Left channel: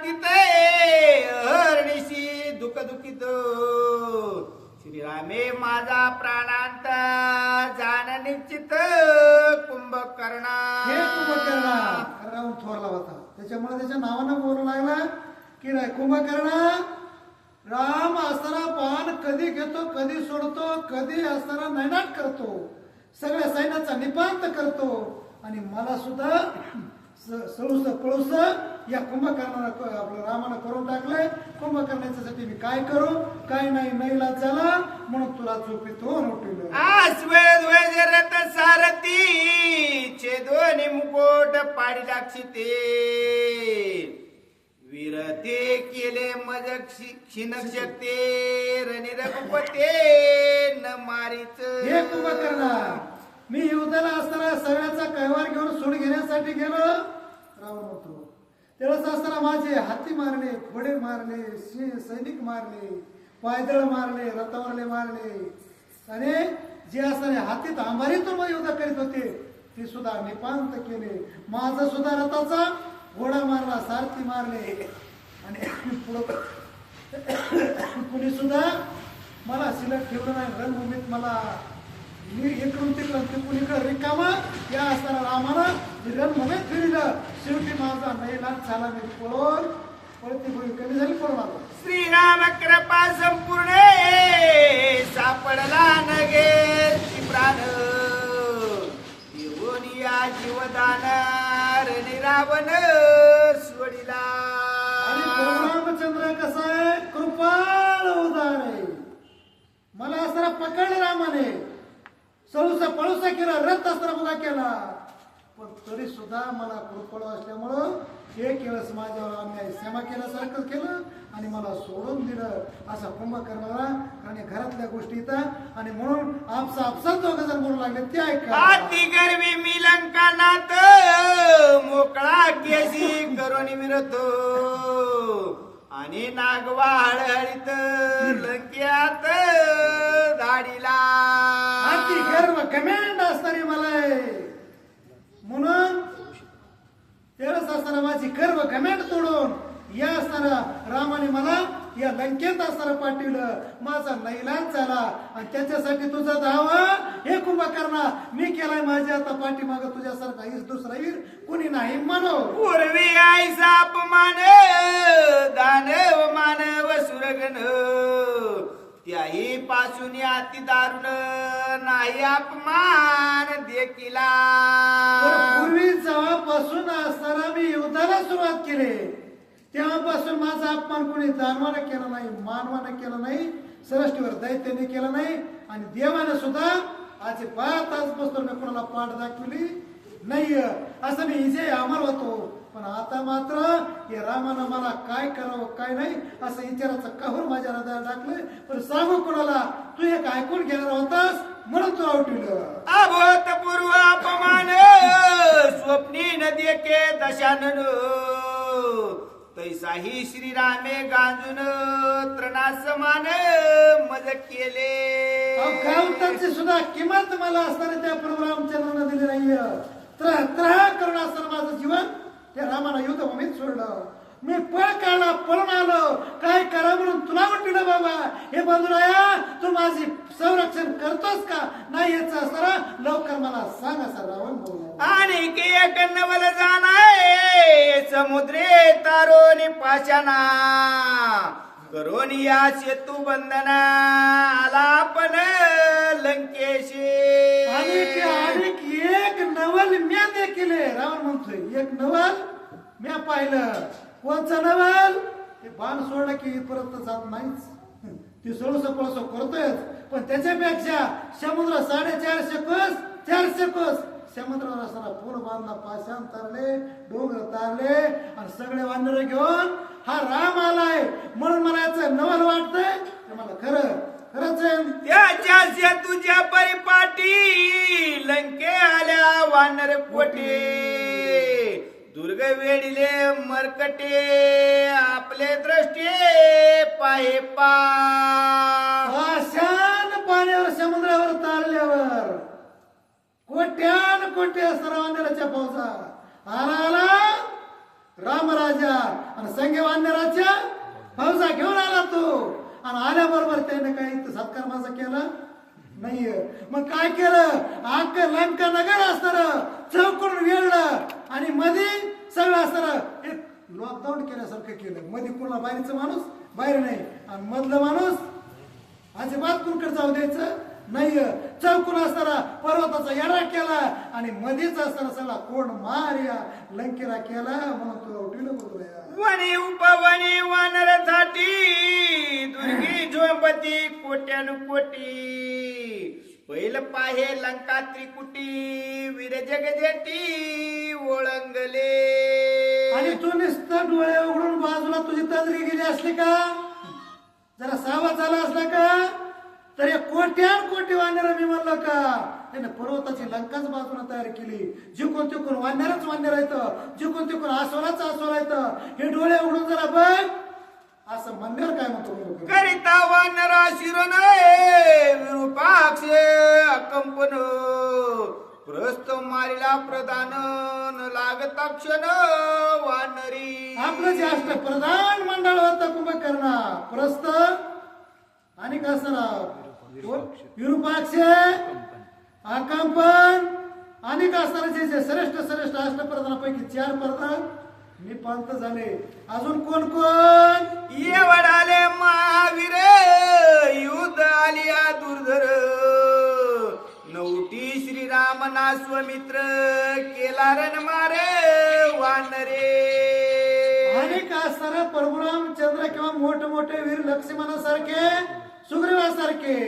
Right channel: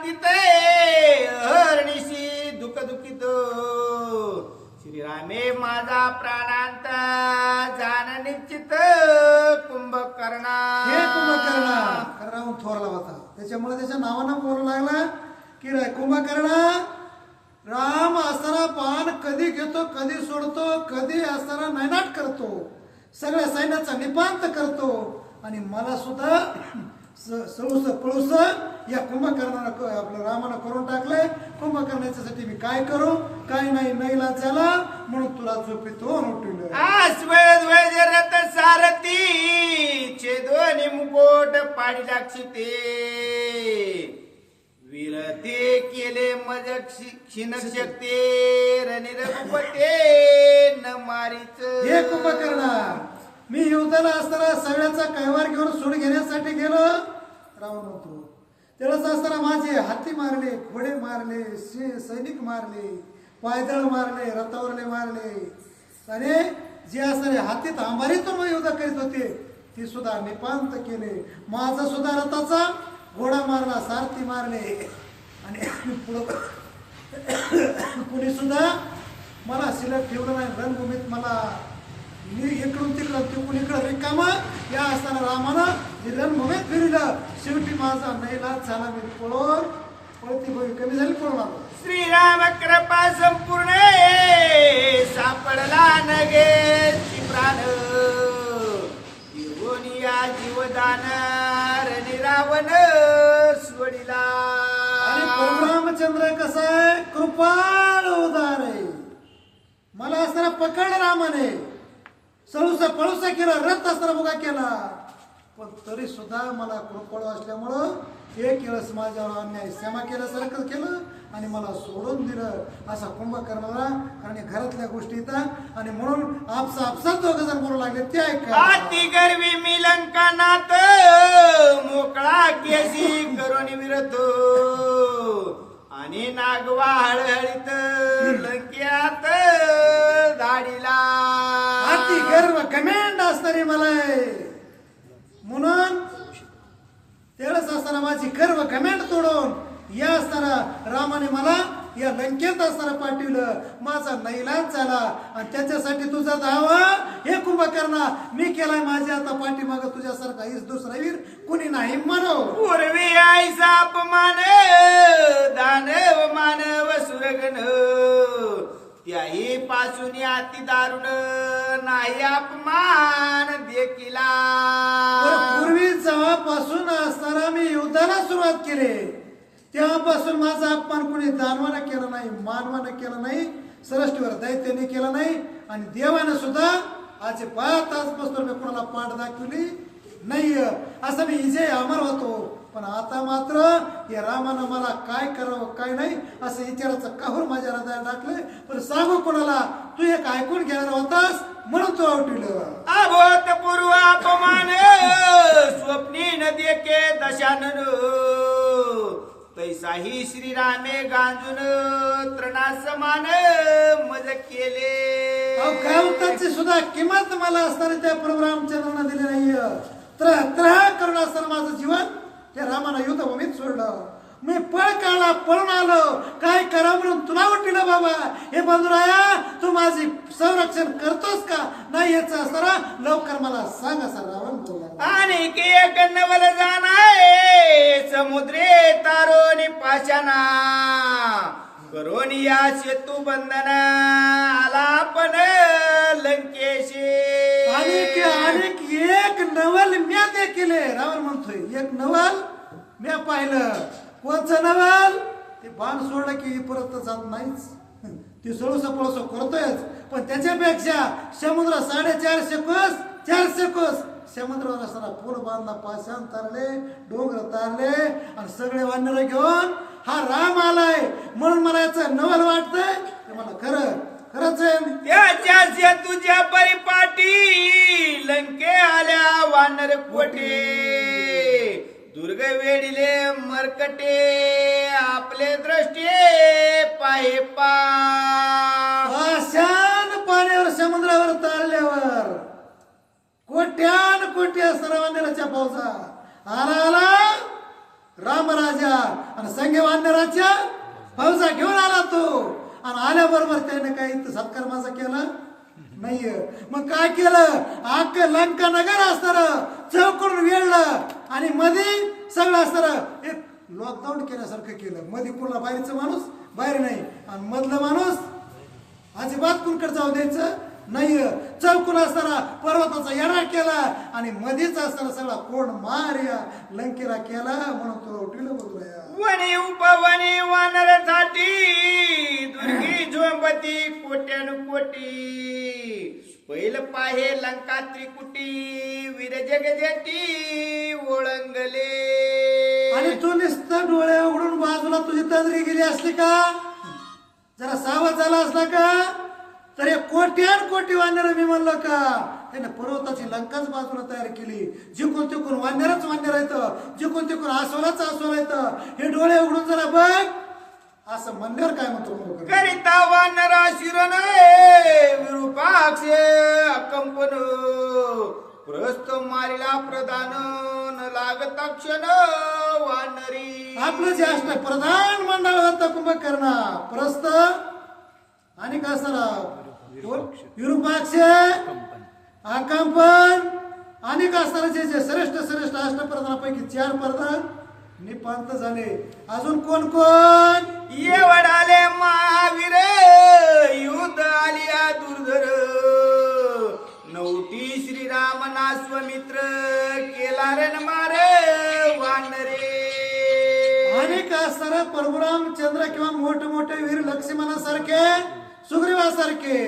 आरतीत हरणीशी दुःख दुखित श्रीरामे माझा प्राणांत जाण निश्चित कुंभकर्णा. हे कुंभकर्णा राम थोरला होता, त्याच्यामुळे त्याच्या नावानं बोलू लागला की रे कुंभकर्णा, राम असताना पान कधी घेतो, कधी सोडतो, कधी असताना नैनाट करतो, सगळ्या सैन्याचा निपांत करतो आणि मला सुद्धा सळूस पळूस या कुंभकर्णानं आपल्या रामानं करून टाकलंय. कुंभकर्णाच्यासाठी मी काय करू, काय नाही नाईलाज झाला म्हणून तुला झोपेतून उठवलं. रथ सारथी छेदोनी मुकोट पाडी दाक्षिते वीरते केले मज क्षीण शकते रणी रघुपते न मारीच. हे कुंभकर्णा, मी युद्धाला असताना सगळ्याचा कैवार घेऊन सूड घेण्यासाठी गेलो, रावण होतो. तेवढंच असताना माझे हाती मारले, घोडे मारले, सैनिक मारले, पायदळ मारले, रथावरले मारले आणि जे असणारे हातीत अंबारीतून युद्ध करीत होते ते सुद्धा निपांत केले. माझा सुद्धा रथाचा घोडा मारला, सारथी मारले आणि पुढं कुणी सुद्धा मला शिल्लक ठेवलं नाही रणभूमीत. मला मी इकडून तिकडं तिकडून इकडं रिकामा या असताना रामानं रणभूमीत फिरलं. शेवटी माझा नैलाज झाला, मी पळून पळती होई कमी झाली, पळून आलो. श्रीराम कृपा संपूर्ण सापडला नगे प्राण येऊन या जीवदान रणी रावण सोडिला. आणि रामचंद्र कसा आहे, कृपाळ उदार आहे. मला असताना पकडलं रामाने, सळूसा पळूसा केला, रथ असताना बघा केला, पण तरी सुद्धा मला कृपळ असल्यामुळं एक वेळेस माझ्यावर अन्याय क्षमा केल्यासारखं केलं आणि मला सोडून दिलं. असा कुंभकर्णाला आणि घरातल्या गोष्टी येतात आणि म्हणून आपसात दोघं जर बोलू लागले ते ऐका. अति गर्वी मी लंकानाथ मोकळा केसी करून विरत आणि नागवा हळहळीत लंक्यात धाडीला. अति गर्व कमेंड असणारी मला आहे. म्हणून तेवढंच असताना माझी गर्व कमेंड तोडून या असताना रामाने मला या लंकेत असताना पाठवलं. माझा नैलाज झाला आणि त्याच्यासाठी तुझा धावा हे कुंभकर्णा मी केलाय. माझ्या आता पाठीमाग तुझ्यासारखा हीच दुसरा वीर कुणी नाही म्हणो. पूर्वी आईचा अपमान दानव मानव सुरगण त्याही पासून अति दारुण नाही अपमान देखिला. पूर्वी जेव्हापासून असताना मी युद्धाला सुरुवात केली तेव्हापासून माझा अपमान कोणी दानवानं केला नाही, मानवानं केला नाही, सृष्टीवर दैत्याने केला नाही आणि देवानं सुद्धा आज 5 तासपासून मी कोणाला पाठ दाखवली नाही. असं मी इजे अमर होतो. पण आता मात्र या रामानं मला काय करावं काय नाही असं विचाराचं काहूर माझ्या हृदयात टाकलंय. पण सांगू कोणाला, तू एक ऐकून घेणार होतास म्हणून तू आवडलं. अभूतपूर्व अपमान स्वप्नी नदी के दशानन तैसाही श्रीरामे गांजून तृणासमान मज केले. कावताची सुद्धा किंमत मला असताना त्या प्रभू रामचंद्रानं दिली नाहीये. त्रहा करून असताना माझं जीवन त्या रामानं युद्धभूमीत सोडलं. मी पळ काढला, पळून आलो, काय करा म्हणून तुला उठलं बाबा. हे बंधुराया, तू माझी संरक्षण करतोस का नाही याचं असताना लवकर मला सांग असं रावण बोलला. आणि एक नवल जाणाय समुद्रे तारोनी पाशाना करून या सेतू बंधना आला पण लंकेशी. आणि एक नवल म्या देखील रावण म्हणतोय, एक नवल म्या पाहिलं. कोणचं नवल? ते बाण सोडलं की परत जात नाहीच, ती सोळस पळस करतोयच. पण त्याच्यापेक्षा समुद्र 450 कोस 400 कोस समुद्रावर असताना पूल बांधला, पाषाण तारले, डोंगर तारले आणि सगळे वानर घेऊन हा राम आलाय म्हणून मला याचं नवल वाटतंय. ते मला खरंच आहे. त्याच्या सेतूच्या परिपाटी लंके आल्या वानर कोटे दुर्ग वेडिले मरकटे आपले दृष्टी पाहे पाषाण पाण्यावर समुद्रावर तारल्यावर कोट्यान कोट्या सर्वांच्या फौजा आला रामराजा आणि संघे वानराच्या फौजा घेऊन आला तो आणि आल्याबरोबर त्याने काही इथं सत्कार माझा केला नाहीये. मग काय केलं, अख्ख लंका नगर असणार चौकडून वेळलं आणि मध्ये सगळं असणार एक लॉकडाऊन केल्यासारखं केलं. मध्ये पूर्ण बाहेरचं माणूस बाहेर नाही आणि मधलं माणूस अजिबात कुणकडे जाऊ द्यायचं नाही. चौकून असताना पर्वताचा येडा केला आणि मध्येच असताना सगळा कोण मार या लंकेला केला. म्हणून तो उठीला बोलतोय वणी उपवणी वानरासाठी दुर्गी झोंबती कोट्यान कोटी पहिल पाहे लंका त्रिकुटी वीर जगजेती ओळंगले. आणि तू नुसतं डोळे उघडून बाजूला तुझी तजरी गेली असली का, जरा सावध झाला असला का, तर या कोट्यान कोटी वानर मी म्हणलं का त्याने पर्वताची लंकाच बाजूला तयार केली. जिकून तिकून वानरच वानर येतं, जिकून तिकून आसोलाच आसोला येतं. हे डोळे उघडून जरा बघ. असं म्हणल्यावर काय म्हणतो करिता वानरा शिरण विरूपाक्ष अकंपन प्रस्त मारिला प्रधान न लागता क्षण वानरी. आपलं जे अष्टप्रधान मंडळ होतं कुंभकर्ण प्रस्त आणि कसराव विरूपाक्ष अकंपन आणि कसराचे जे श्रेष्ठ श्रेष्ठ अष्टप्रधानापैकी 4 प्रधान निपांत झाले. अजून कोण कोण येवडाले महावीर युद्ध आलिया दुर्धर नवटी श्रीराम नास्वमित्र केला रण मारे वानरे. अनेक असणारे परशुरामचंद्र किंवा मोठे मोठे वीर लक्ष्मणासारखे सुग्रीवासारखे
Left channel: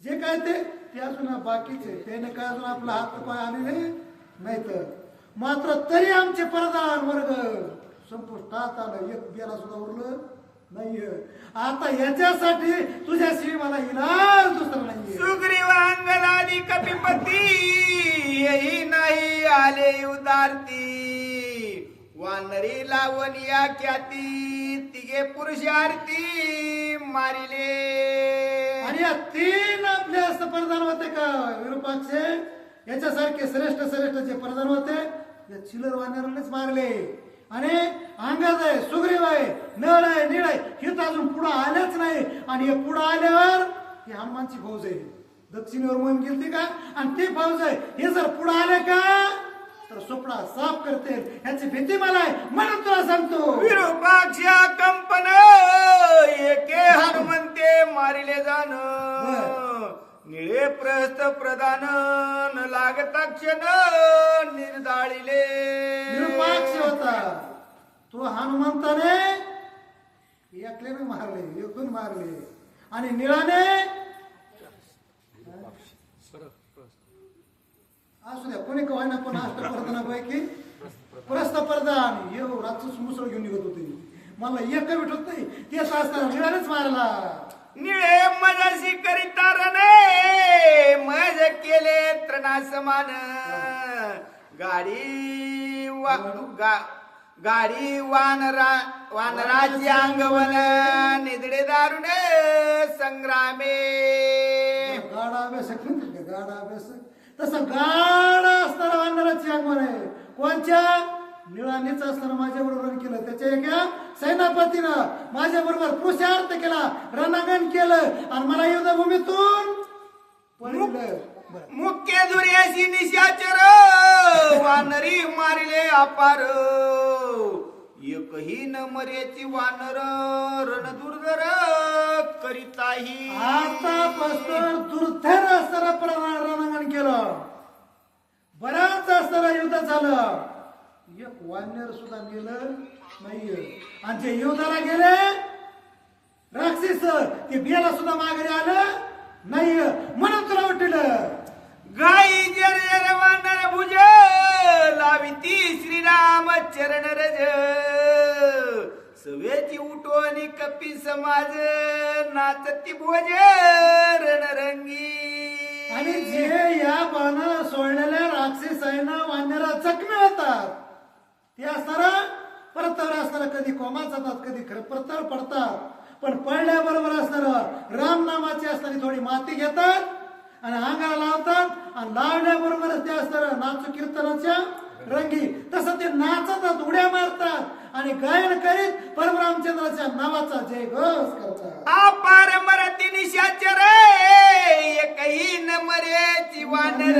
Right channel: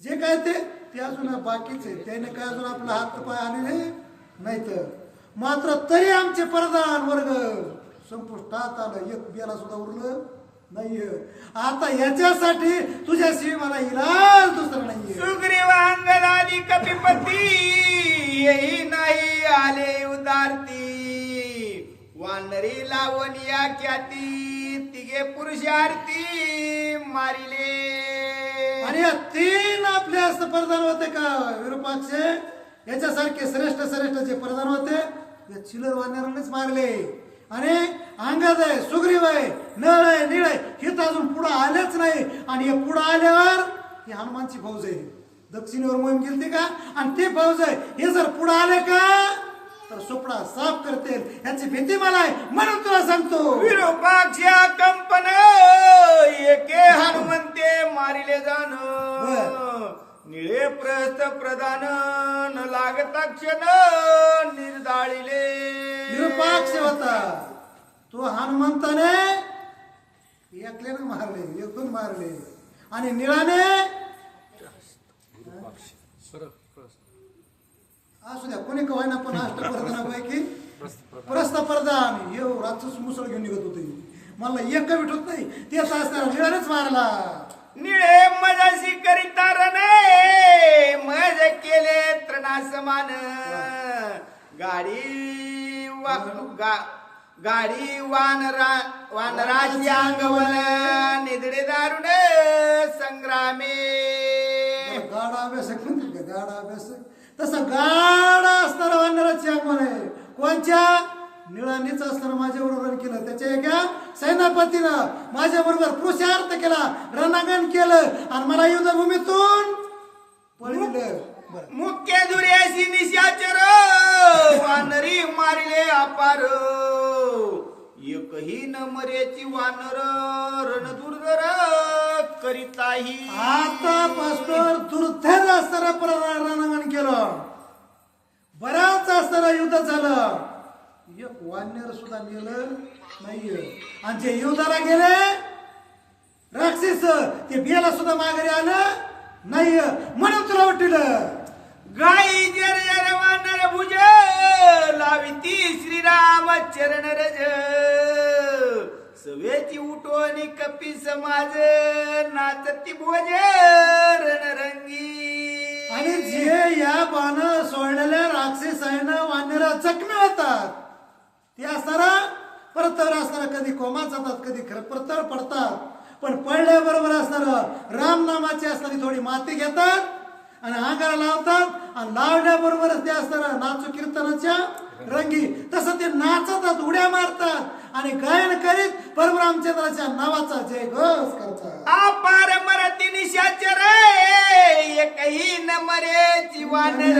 जे काय ते अजून बाकीचे त्याने काय अजून आपला हात पाय आलेले नाही. तर मात्र तरी आमचे प्रधान वर्ग संपुष्टात आलं. एक बेला सुद्धा उरलं नाहीये. आता याच्यासाठी तुझ्याशी मला इलाज दुसरा नाहीये. सुग्रीवांगदादी कपिपती येही नाही आले उदारती वानरी लावणिया ख्याती तिघे पुरुषार्थी मारिले. आणि या 3 आपले असं प्रधान होते का विरूपाक्ष याच्यासारखे श्रेष्ठ श्रेष्ठ जे प्रधान होते या चिलर वानरांनीच मारले. आणि अंगद आहे, सुग्रीव आहे, नळ आहे, निळ आहे, हे तर अजून पुढे आलेच नाही. आणि हे पुढे आल्यावर ही हनुमानची फौज आहे. दक्षिणेवर मोहीम गेलती का आणि ती फौज आहे. हे जर पुढे आले का तर सुपडा साफ करते. याची भीती मला आहे म्हणून तुला सांगतो. विरूपाक्ष कंपन एके हनुमंते मारिले जाण निळे प्रस्थ प्रधान न लागता क्षण निर्दाळिले. विरूपाक्ष होता तो हनुमंताने एकल्याने मारले, एकूण मारले. आणि निळाने असू द्या कोणी कवायना पण अष्टप्रधानापैकी प्रस्थ प्रधान येऊ रातच मुसळ घेऊन निघत होते. मला एक भेटत नाही ते असताना निळानेच मारला. निळे मजाशी करिता रणे मज केले त्रणा समान गाडी वानराची अंगवन निदडे दारुणे संग्रामे. गाडा अभ्यास म्हणते का गाडा अभ्यास तसं गाडा असताना वानराची अंगवण आहे. कोणच्या निळानीच असताना माझ्या बरोबर केलं. त्याच्या एका सेनापतीनं माझ्या बरोबर पुरुषार्थ केला, रणांगण केलं आणि मला युद्धभूमीतून पळविलं. मुख्य दुर्याशी निशाचर वानरी मारले अपार एकही न मर्याची वानर रणदुर्धर करिताही. आता पस्तर दुर्धर असताना रणांगण केलं, बराच असताना युद्ध झालं. एक वानर सुद्धा गेलं नाहीये. आणि जे युद्धाला गेले राक्षस ते बियाला सुद्धा माघारी आलं नाही. म्हणून तुला वाटलं गाई जर वानर भुज लाविती श्रीराम चरण रज सवेची उठवणी कपी समाज नाचती भोज रणरंगी. आणि जे या बाण सोडलेल्या राक्षसांना वानरा जखमी होतात ते असताना परतवर असताना कधी कोमात जातात, कधी परतवर पडतात. पण पडल्याबरोबर असणार रामनामाची असताना थोडी माती घेतात आणि अंगाला लावतात आणि लावल्याबरोबरच ते असताना नाचू कीर्तनाच्या रंगी तसं ते नाचतात, उड्या मारतात आणि गायन करीत परमरामचंद्राच्या नावाचा जय घोष करतात. अपार मरती निशाचर एकही न मरे जीवानर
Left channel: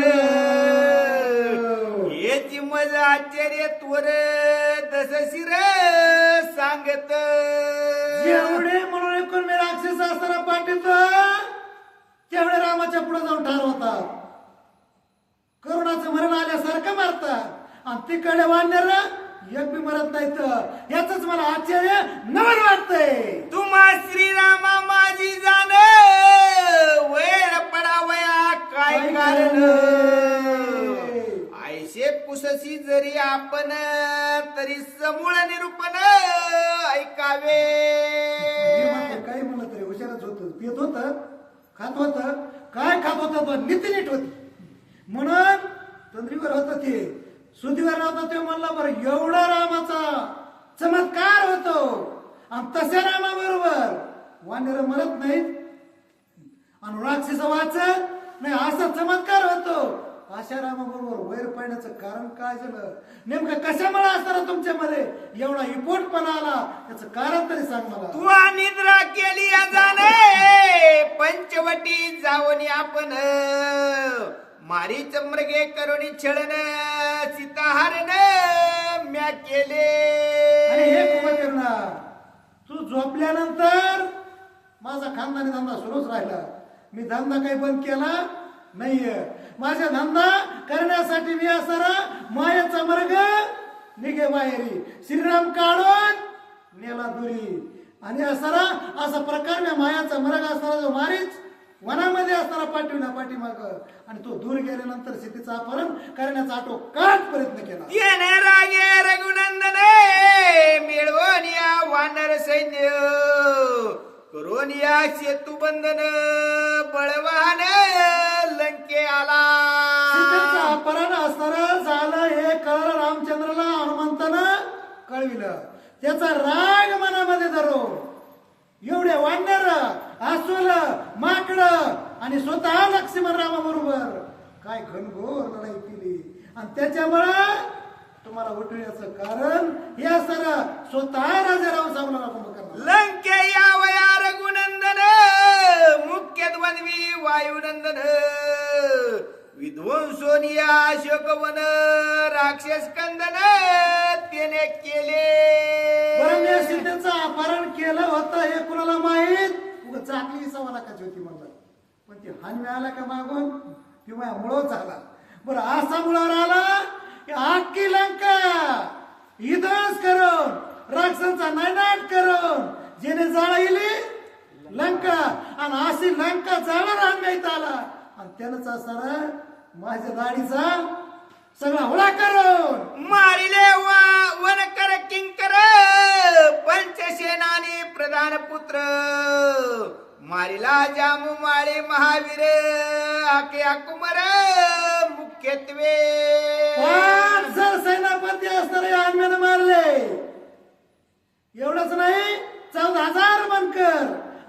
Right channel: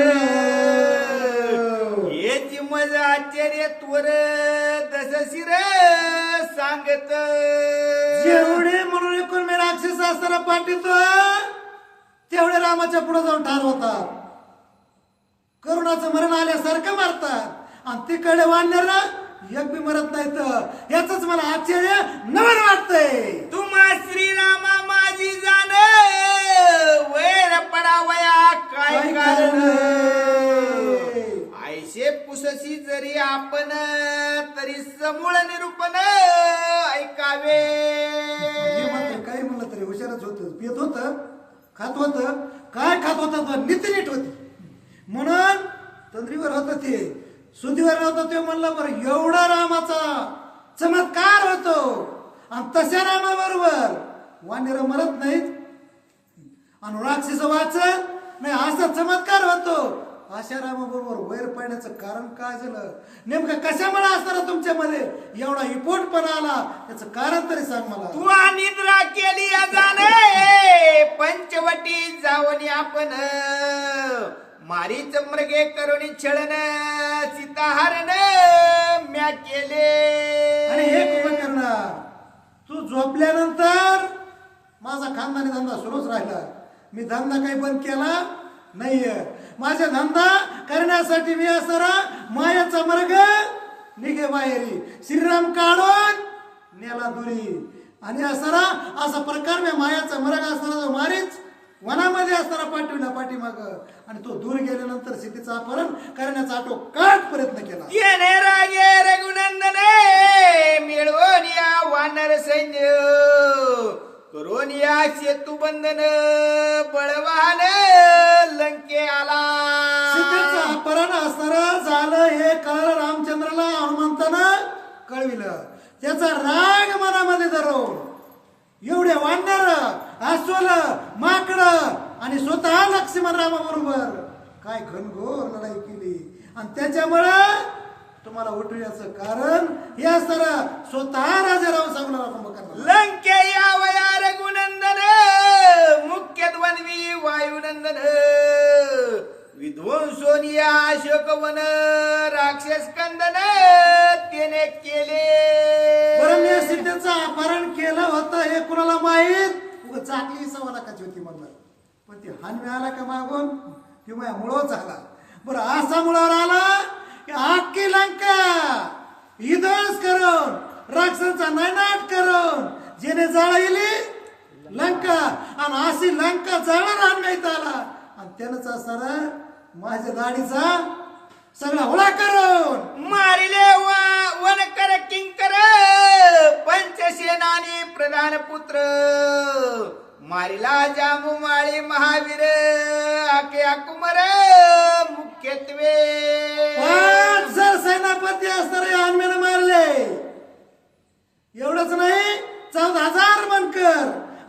याची मजा आश्चर्य त्वर दस शिर सांगत जेवढे म्हणून एकूण मी राक्षस असताना पाठवतो तेवढे रामाच्या पुढे जाऊन ठार होतात, करुणाचं मरण आल्यासारखं मारतात आणि तिकडे वाढणार एक बी मरत नाही. तर याच मला आश्चर्य नवल वाटतंय. तुम्हा श्रीरामा माझी जाण वैर पडावया काय कारण ऐशे पुसशी जरी आपण तरी समूळ निरूपण ऐकावे. हे म्हणते काही म्हणलं तरी हुशारच होत, पित होत, खात होत, काय खात होत नीती नीट होती म्हणून तंद्रीवर होत ते सुधीवर होता ते म्हणलं बरं एवढा रामाचा चमत्कार होतो आणि तशा रामाबरोबर वानर मरत नाहीत आणि राक्षस वाचत नाही असा चमत्कार होतो. अशा रामाबरोबर वैर पडण्याचं कारण काय झालं, नेमकं कशामुळे असताना तुमच्यामध्ये एवढा इपोटपणा आला त्याचं कारण तरी सांग मला. तू निद्रा केली जाणे पंचवटी जाऊन आपण मारीच मृगे करुणी छळण सीताहरण म्या केले. आणि हे कुंभकर्ण तू झोपल्यानंतर माझा खानदानी धंदा सुरूच राहिला, मी धंदा काही बंद केला नाहीये. माझा धंदा करण्यासाठी मी असणारा मायाचा मार्ग निघे माहेरी श्रीराम काढून नेला दुरी आणि असणारा असा प्रकार मी मायाचा मार्ग असणारा जो मारीच वनामध्ये असताना पाठविला पाठीमाग आणि तो दूर गेल्यानंतर सीतेचा अपहरण करण्याचा आटोकाट प्रयत्न केला. येणे रागे रघुनंदन मिळवून या वानर सैन्य करून या सेतू बंधन बळवान लंके आला. सीतेचं अपहरण असणारं झालं हे कळलं रामचंद्राला हनुमंतानं कळविलं. त्याचा राग मनामध्ये धरून एवढे वानर अस्वल माकड आणि स्वतः लक्ष्मण रामाबरोबर काय घनघोर लढाई केली आणि त्याच्यामुळं तुम्हाला उठवण्याचं कारण हे असणारा स्वतः राजा राम सावला कुंभकर्ण. लंके यावया रघुनंदन मुख्य द्वंद्वी वायुनंदन विध्वंसोनिया अशोकवन राक्षस कंदन त्याने केले. बरं मी सीतेचं अपहरण केलं होतं हे कुणाला माहीत, उगाच चाकली 1.25 लाखाची होती म्हणलं, पण ती हान आला का मागून किंवा मुळच आला. बरं असा मुळावर आला की अख्खी लंका इदस करून राक्षसांचा नायनाट करून जेने जाळली लंका आणि अशी लंका जाळायला आणण्यात आला आणि त्यानंच असणारा माझ्या दाढीचा सगळा होळा करून मारिले वन कर किंकर पंचसेनानी प्रधान पुत्र मारिला जामू माळी महावीर आके अकुमर मुख्यत्वे 5,000 सेनापती असणारे आम्यानं मारले. एवढंच नाही 14,000 मनकर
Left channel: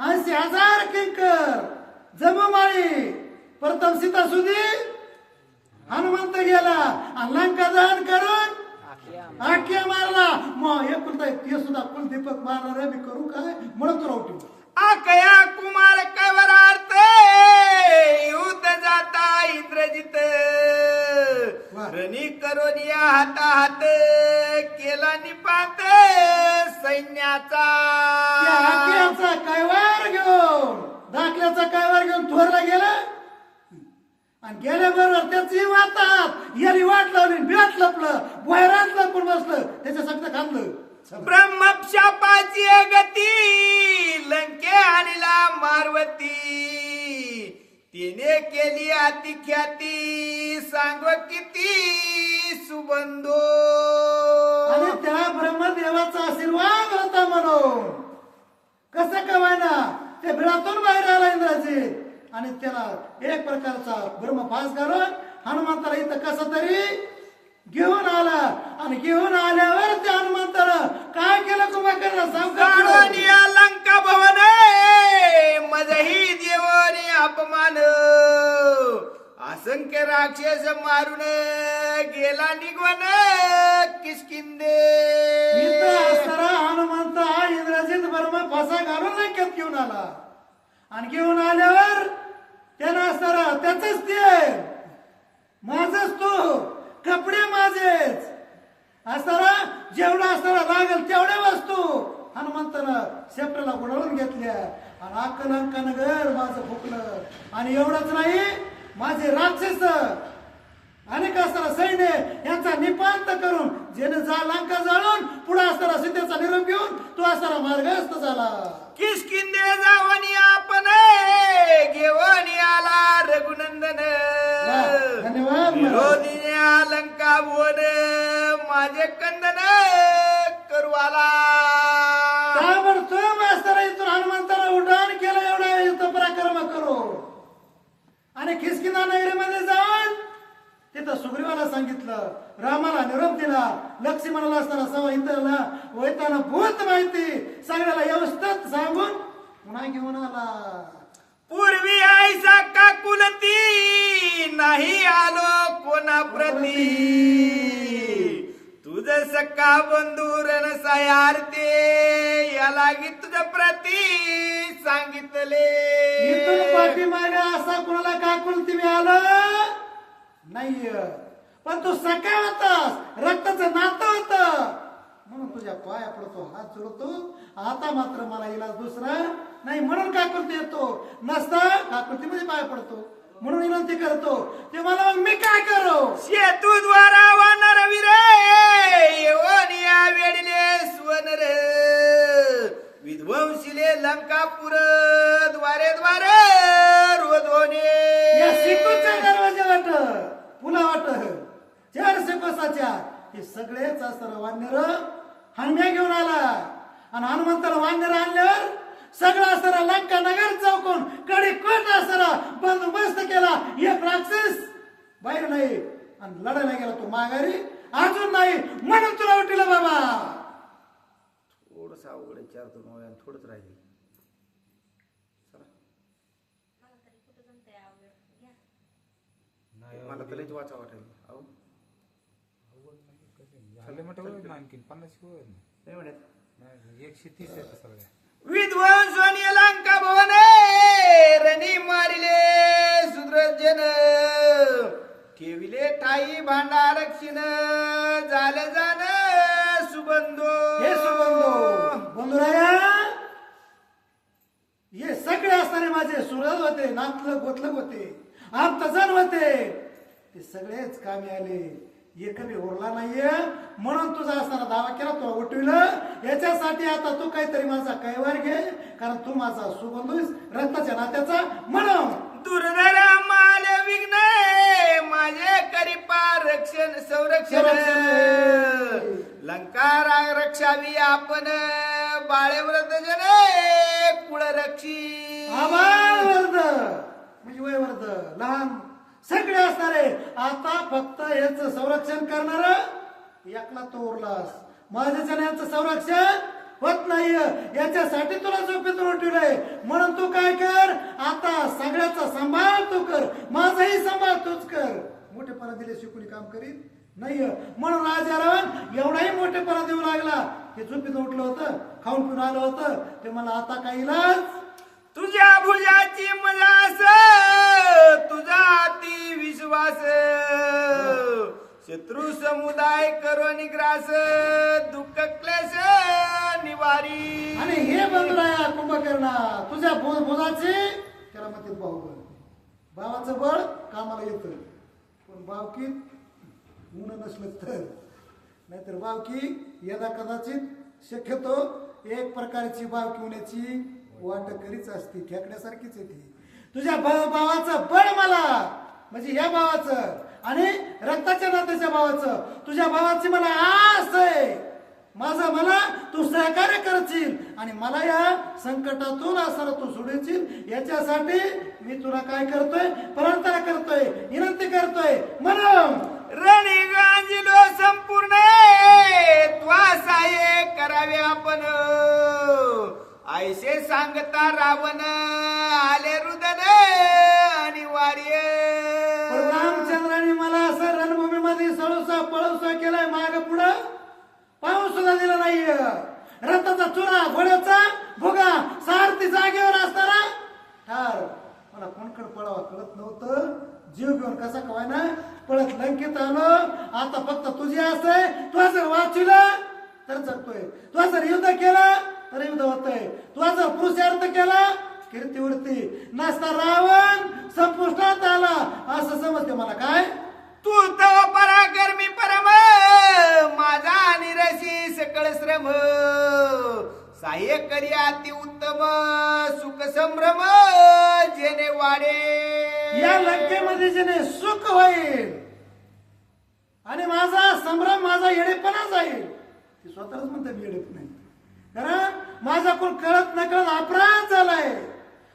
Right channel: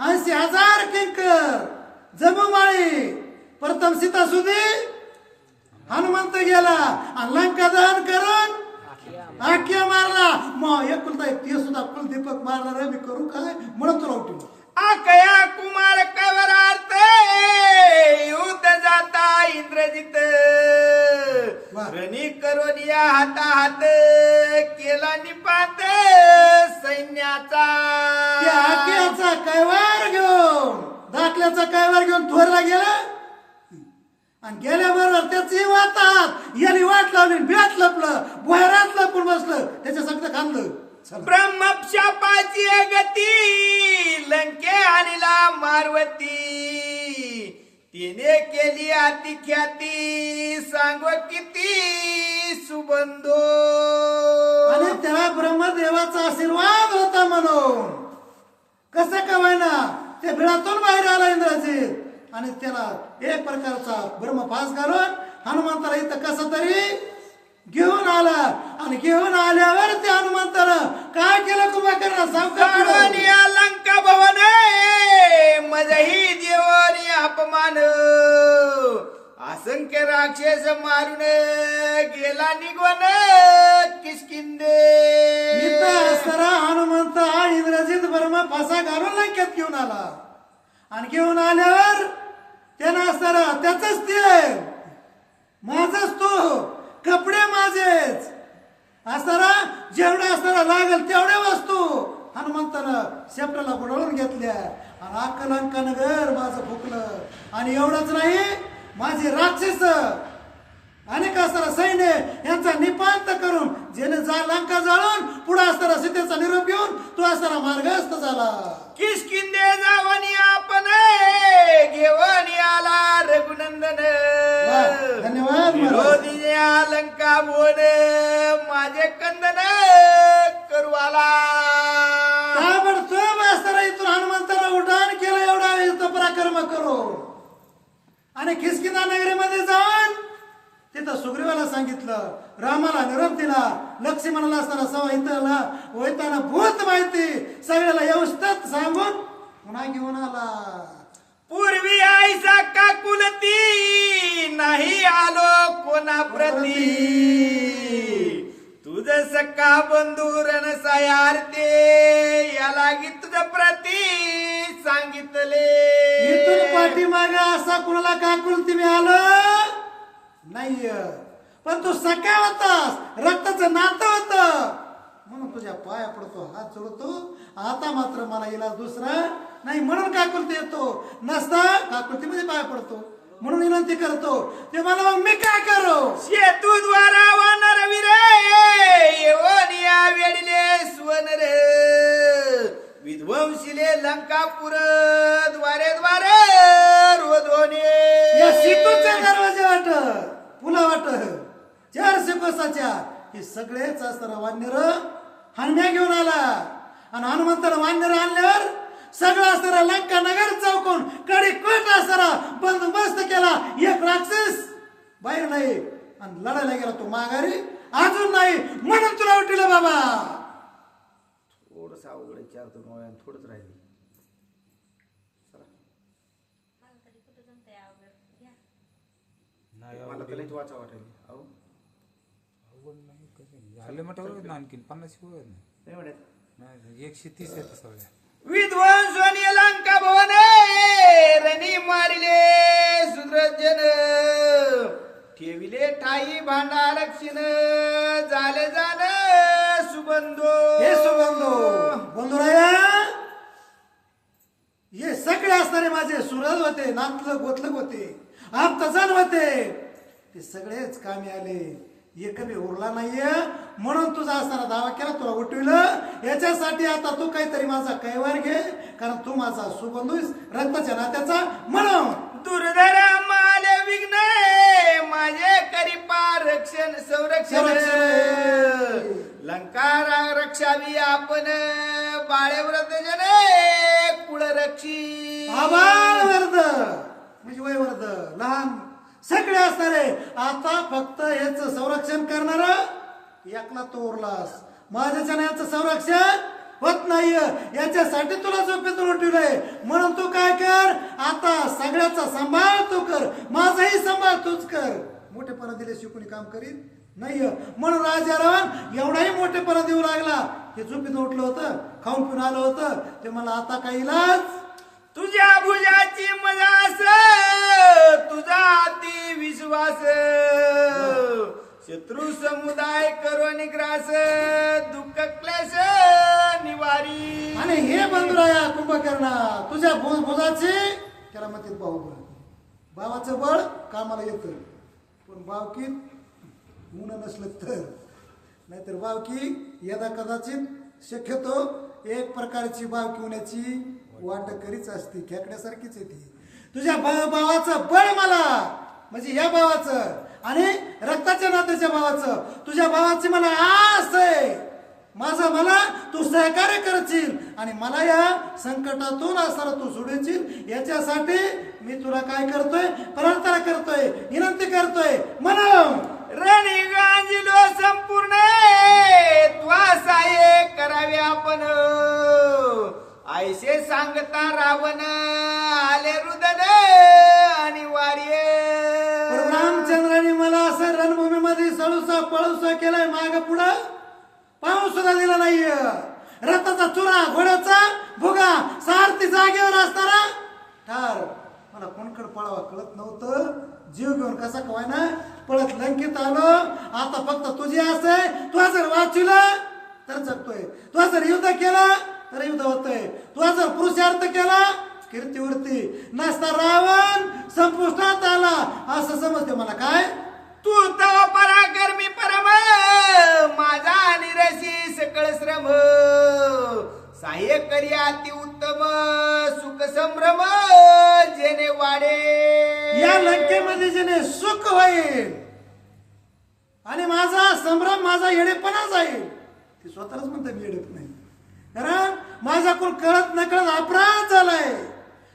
80,000 किंकर जमूमाळी प्रथम सीता सुधी हनुमंत गेला आणि लंका दहन करून आख्या मारला. मग एकुलता एक ते सुद्धा कुलदीपक मारला रे मी करू काय म्हणत राहतो. आकया कुमार कवरार्थ युद्ध जाता इंद्रजित रणी करून या हातात केला निपात सैन्याचा. त्या आख्याचा कैवार घेऊन दाखल्याचा कैवार घेऊन थोरला गेला आणि गेल्याबरोबर त्याची वातात याने वाट लावली बिळात लपलं भोयरात लपून बसलं त्याच्या सगळं खाल्लं. ब्रह्मशापाची गती लंके आणला मारवती तिने केली अतिख्याती सांग किती सुबंधो. आणि त्याला ब्रह्मदेवाचा आशीर्वाद होता म्हणून कसं कमायना ते बिळातून बाहेर आला इंद्राजी आणि त्याला एक प्रकारचा ब्रह्मपास घालून हनुमंताला इथं कसं तरी घेऊन आला आणि घेऊन आल्यावर त्या हनुमंताला काय केलं कुंभकर्ण सांग. या लंका भवन मजही देवनी अपमान असंख्य के राक्षस मारून गेला निघून किसकिंदे. इथं असताना हनुमंत हा इंद्रजित बर्मा फासा घालून लंकेत घेऊन आला आणि घेऊन आल्यावर त्यानं असताना त्याच ते माझच तो कपडे माझेच असताना जेवढा असताना लागेल तेवढे वस्तू हनुमंतानं शेपटाला गुडवून घेतल्या आणि अक्कल अंकन घर माझं फुकलं. आणि एवढंच नाही माझे राक्षस अनेक असताना सैन्य यांचा निपात करून जेणे जा लंका जाळून पुढे असताना सीतेचा निरोप घेऊन तो असताना मार्गस्थ झाला. किसकिंदे जावणी आपण घेऊन आला रघुनंदन. धन्यवाद महाराज. विरोधीने अलंका बोल माझे कंदन करवाला. ताबडतोब असताना इथून हनुमंताला उड्डाण केलं. एवढा युद्ध पराक्रम करू आणि किसकिंदा नगरीमध्ये जाऊन तिथं सुग्रीवाला सांगितलं, रामाला निरोप दिला, लक्ष्मणाला असताना संहिताला वैताना भूत माहिती सगळ्याला व्यवस्थित सांगून पुन्हा घेऊन आला. पूर्वी आईसा काकुलती नाही आलो कोणा प्रती. तुझ सक्का बंधू रणसायार्थे याला गी तुझ प्रती सांगितले. इथून पाठीमागे असा कुणाला काकुलती मिळालं नाही, पण तू सखा होतास, रक्ताचं नातं होत म्हणून तुझ्या पाया पडतो, हात जोडतो. आता मात्र मला इलाज दुसरा नाही म्हणून काकुलती येतो, नसता काकुलती मध्ये पाया पडतो म्हणून विनंती करतो. ते मला मग मी काय करू. सेतू द्वारा वानर विरे येऊन या वेळीले सुवन रे. विध्वंसीले लंकापुर द्वारे द्वारे रोधोने. या शिकूच्या दरवाजा वाट पुला वाट 400 कोसाच्या हे सगळेच असताना वानर हनुम्या घेऊन आला. आणि हनुमंताला वानर आणल्यावर सगळं असताना लंका नगर चौकून कडे कोट असताना बंदोबस्त केला. एक राक्षस बाहेर नाही आणि लढायला गेला तो माघारी अजून नाही म्हणून तुला उठलं बाबा. थोडस अवघड विचारतो थोडंच राहिले. मला तर लईच वाचा वाटेल. अहो झालं म्हटलं आणखीन 50 नाही म्हणत. 130 आहेत सगळ्या. विध्वंस लंका भवन रणी मारिले सुद्रजन. ठेविले ठाई भांडा रक्षिण झाले जाण सुबंधो. हे सुबंधो बंधुराया हे सगळे असणारे माझे सुरज होते, नातलं गोतलक होते, आप्तजन होते, ते सगळेच कामी आले. एक बी उरला नाहीये म्हणून तुझा असताना दावा केला, तुला उठविलं. याच्यासाठी आता तू काहीतरी माझा कैवार घे, कारण तू माझा सुबंधूस रक्ताच्या नात्याचा म्हणून. दुर्धर माल विघ्न माझे करिपा रक्षण संरक्षण. लंका रक्षावी आपण बाळे व्रत जन कुळ रक्षी. आबाळ वर्ध म्हणजे वय वर्ध लहान सगळे असणारे आता फक्त याच संरक्षण करणार एकला तो उरलास. माझ्या याचं संरक्षण होत नाही, याच्यासाठी तुला झोपेतून उठवलंय. म्हणून तू काय कर, आता सगळ्याचा सांभाळ तू कर, माझाही सांभाळ तूच कर. मोठेपणा दिले शिकून काम करीत नाही म्हणून राजा रावण एवढाही मोठेपणा देऊ लागला. हे झोपेत उठलं होतं, खाऊन पिऊन आलं होतं, ते मला आता काही इलाज. तुझ्या भुजाची मजास तुझा अति विश्वास. शत्रू समुदाय करो निग्रास दुःख क्लेश निवारी. आणि हे बंधुराया कुंभकर्णा तुझ्या भुजाचे त्याला म्हणतात बाहुबळ. भावाचं बळ कामाला येतं, पण बावकीत ऊन नसलं तर, नाहीतर बावकी यदा कदाचित शक्यतो एक प्रकारची बावकी होण्याची वाट करीच असते, खेकण्यासारखीच येते. तुझ्या भावाचं बळ मला म्हणजे या भावाचं आणि रक्ताच्या नात्याच्या भावाचं, तुझ्या भावाची मला आस आहे. माझा मला तू सहकार्य करशील आणि मला या संकटातून असताना तू सोडशील. याच्यासाठी मी तुला काय करतोय, प्रार्थना करतोय, विनंती करतोय. म्हणून रणी गांजिलो संपूर्ण त्वासाये करावे आपण. ऐसे सांगता रावण आले रुदन अनिवार्य. रामचंद्राने मला असं रणभूमीमध्ये सळूसा पळूसा केलाय माग पुढं पाहू सुद्धा दिला नाहीये. रथाचा चुरा घोड्याचा भुगा सारथी जागेवर असताना ठार. मला कोणकडे पळावा कळत नव्हतं. जीव घेऊन कसा कवाय ना पळत लंकेत आलो. आता फक्त तुझी असे तू जर वाचिलं तर जगतोय, तू जर युद्ध केलं तर युद्ध होतोय, तू जर पुरुषार्थ केला कीर्तीवरती नसता रावण संपुष्टात आला असं समजते मला. काय तू तव पराक्रमी परम माझा निरशी सकळ श्रम सहाय्य करी अति उत्तम सुख संभ्रम जेणे वाढे. या लंकेमध्ये जेणे सुख होईल आणि माझा संभ्रम माझा येडेपणा जाईल. ती स्वतःच म्हणते मी येडेपण नाही, कारण माझ्याकडून कळत न कळत अपराध झालाय.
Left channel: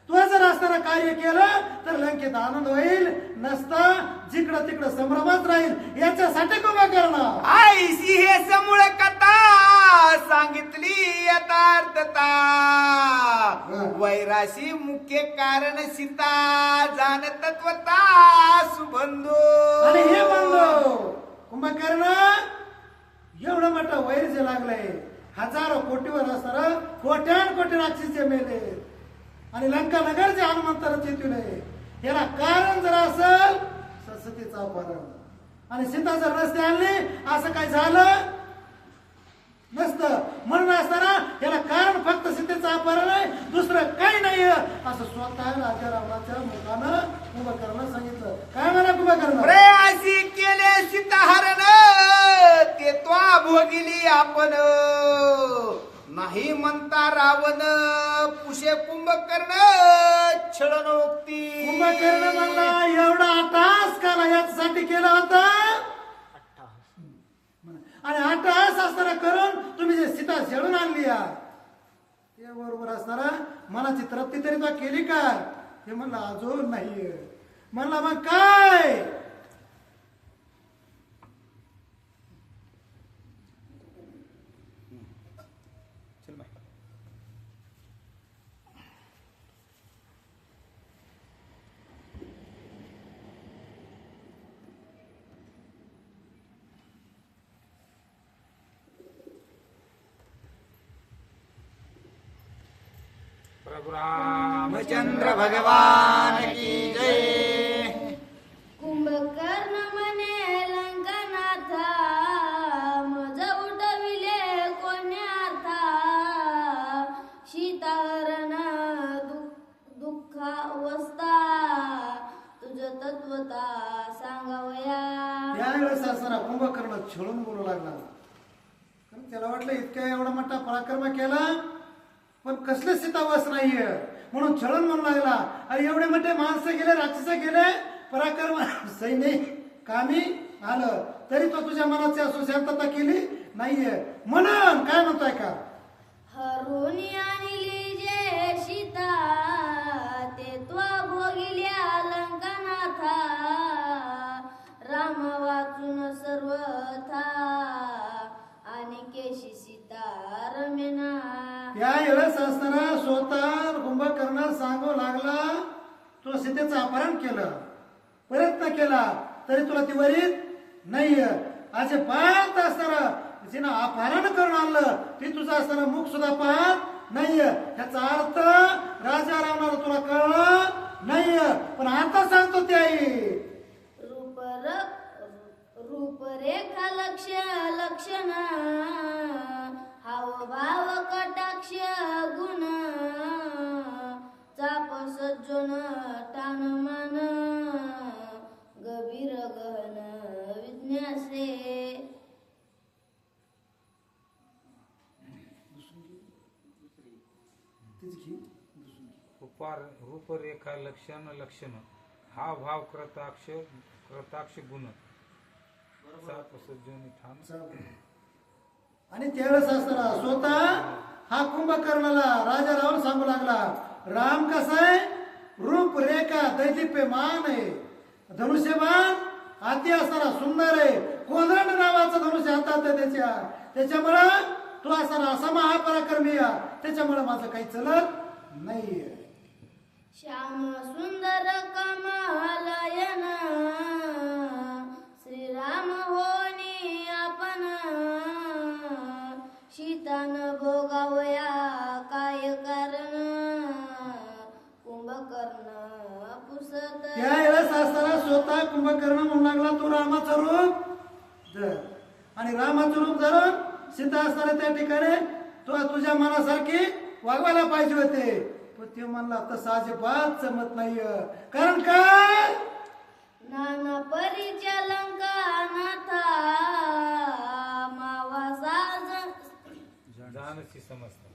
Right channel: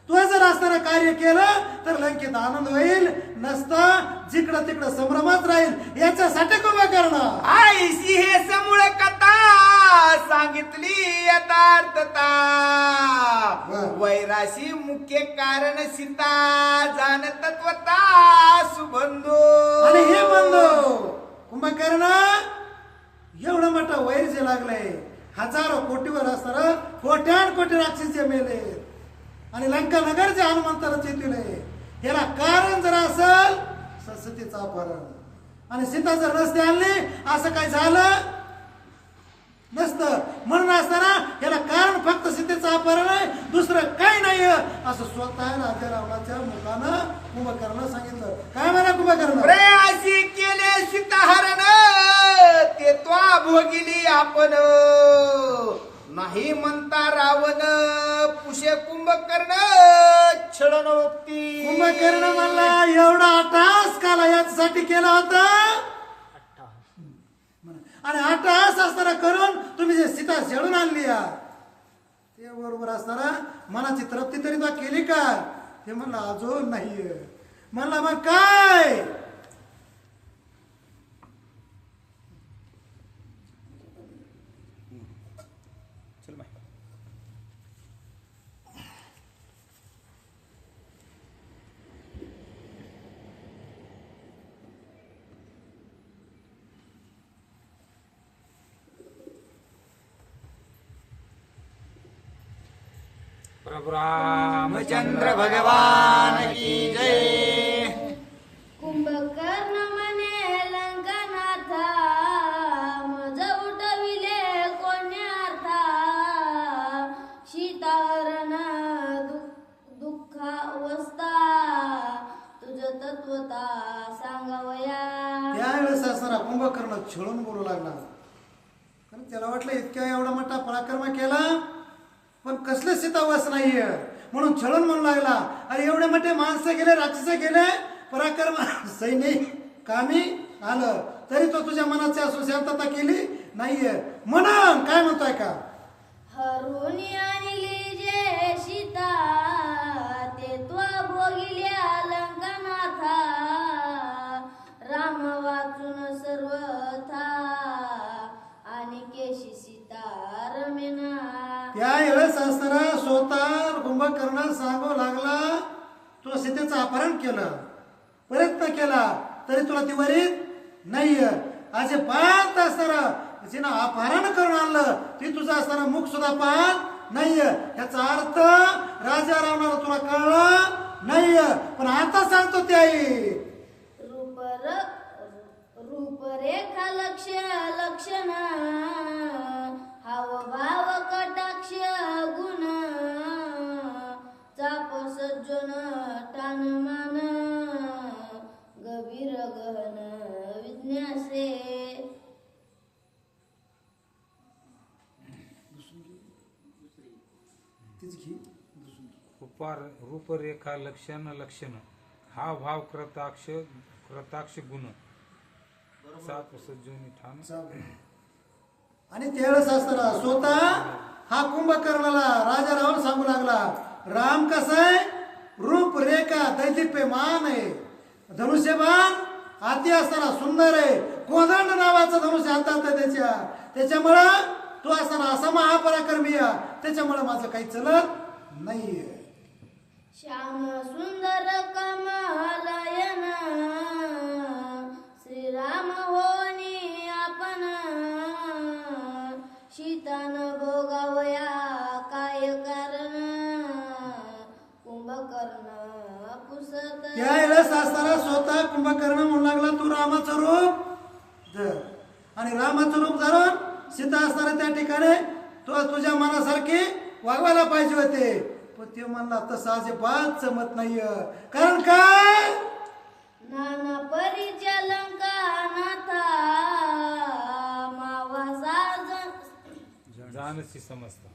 तू जर असताना कार्य केलं तर लंकेत आनंद होईल, नसता जिकडं तिकडं संभ्रमच राहील. याच्यासाठी उभं करणं आईशी हे समूळ कथा सांगितली यथार्थता वैराशी मुख्य कारण सीता जाण तत्वता सुबंधो. आणि हे म्हणलो कुंभकर्ण एवढं मोठं वैर जे लागलंय हजारो कोटीवर असणार कोट्यान कोटी राक्षसी मेले आणि लंका नगर जे हनुमंताला चेतविले. याला कारण जर असेल सतीचा अपहरण आणि सीता जर नसते आणली असं काय झालं नसतं. म्हणून असताना याला कारण फक्त सीतेचं अपहरण आहे, दुसरं काही नाही असं स्वतः राजा रावणाच्या मुखानं कुंभकर्ण सांगितलं. काय म्हणा कुंभकर्ण प्रयासी केले सीताहरण ते त्वा भोगिली आपण नाही म्हणता रावण पुषे कुंभकर्ण छळनोक्ती. कुंभकर्ण म्हणला एवढा अट्टहास काला याच्यासाठी केला होता आणि अट्टहास असताना करून तुम्ही जे सीता शेडून आणली ते बरोबर असताना मनाची तृप्ती तरी तो केली का? ते म्हणला अजून नाहीये. म्हणला मग काय चल बाय. प्रभु रामचंद्र रामचंद्र भगवान की जय. कुंभकर्ण म्हणे लंकानाथा मज उठविले कोण्याथा सीताहरण दुःखावस्था तुझ तत्वता सांगावया. त्यावेळेस असताना कुंभकर्ण छळून बोलू लागला, कारण त्याला वाटलं इतक्या एवढा मोठा पराक्रम केला पण कसले सीतावास नाहीये म्हणून छळून म्हणू लागला. अरे एवढे मोठे माणसं गेले राक्षस गेले पराक्रम सैनिक कामी आलं तरी तो तुझ्या मनाची असू शांतता केली नाहीये. म्हणून काय म्हणतोय का हरून आणली जे सीता ते त्वा भोगिल्या लंकानाथा राम वाचून सर्वथा आणि केशी सीता रमेना. त्यावेळेस असताना स्वतः कुंभकर्ण सांगू लागला तू सीतेचं अपहरण केलं प्रयत्न केला तरी तुला ती वरीत नाहीये. असे पाहत असताना तिनं अपहरण करून आणलं ती तुझं असताना मुख सुद्धा पाहत नाहीये. याचा अर्थ राजा रावणाला तुला कळलं नाहीये. पण आता सांगतो ते आई रूपरेखा लक्षण हावभाव कटाक्ष गुण चाप सज्जन ठाणमान गभीर गहन विज्ञासे. रूपरेखा लक्षण हा भाव कृताक्ष गुण साप सज्जनी ठाण. आणि त्यावेळेस असताना स्वतः हा कुंभकर्णाला राजा रावण सांगू लागला राम कसं आहे रूपरेखा दैदिप्यमान आहे, धनुष्यबाण हाती असताना सुंदर आहे, कोदंड नावाचं धनुष्य हातात आहे त्याच्यामुळं तो असताना असा महापराक्रमी त्याच्यामुळे माझं काही चलत नाहीये. श्याम सुंदर कमलायन वया काय कारण कुंभकर्ण पुसत त्यावेळेस असताना स्वतः कुंभकर्ण म्हणू लागला तू रामाचं रूप धर. आणि रामाचं रूप धरून सीता असताना त्या ठिकाणी तू तुझ्या मनासारखी वागवायला पाहिजे होते, पण ते म्हणला तसं अजिबात जमत नाही. कारण काय नाना परीच्या लंका नाथा मावा साज जानसी समजता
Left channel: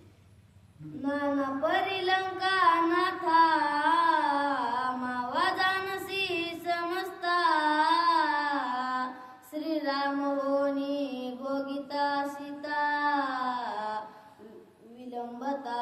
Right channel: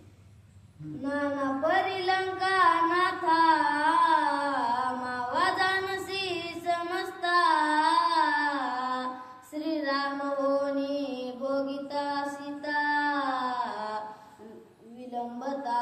नाना परी लंका नाथा मावा जानसी समजता श्रीराम होनी भोगिता सीता विलंबता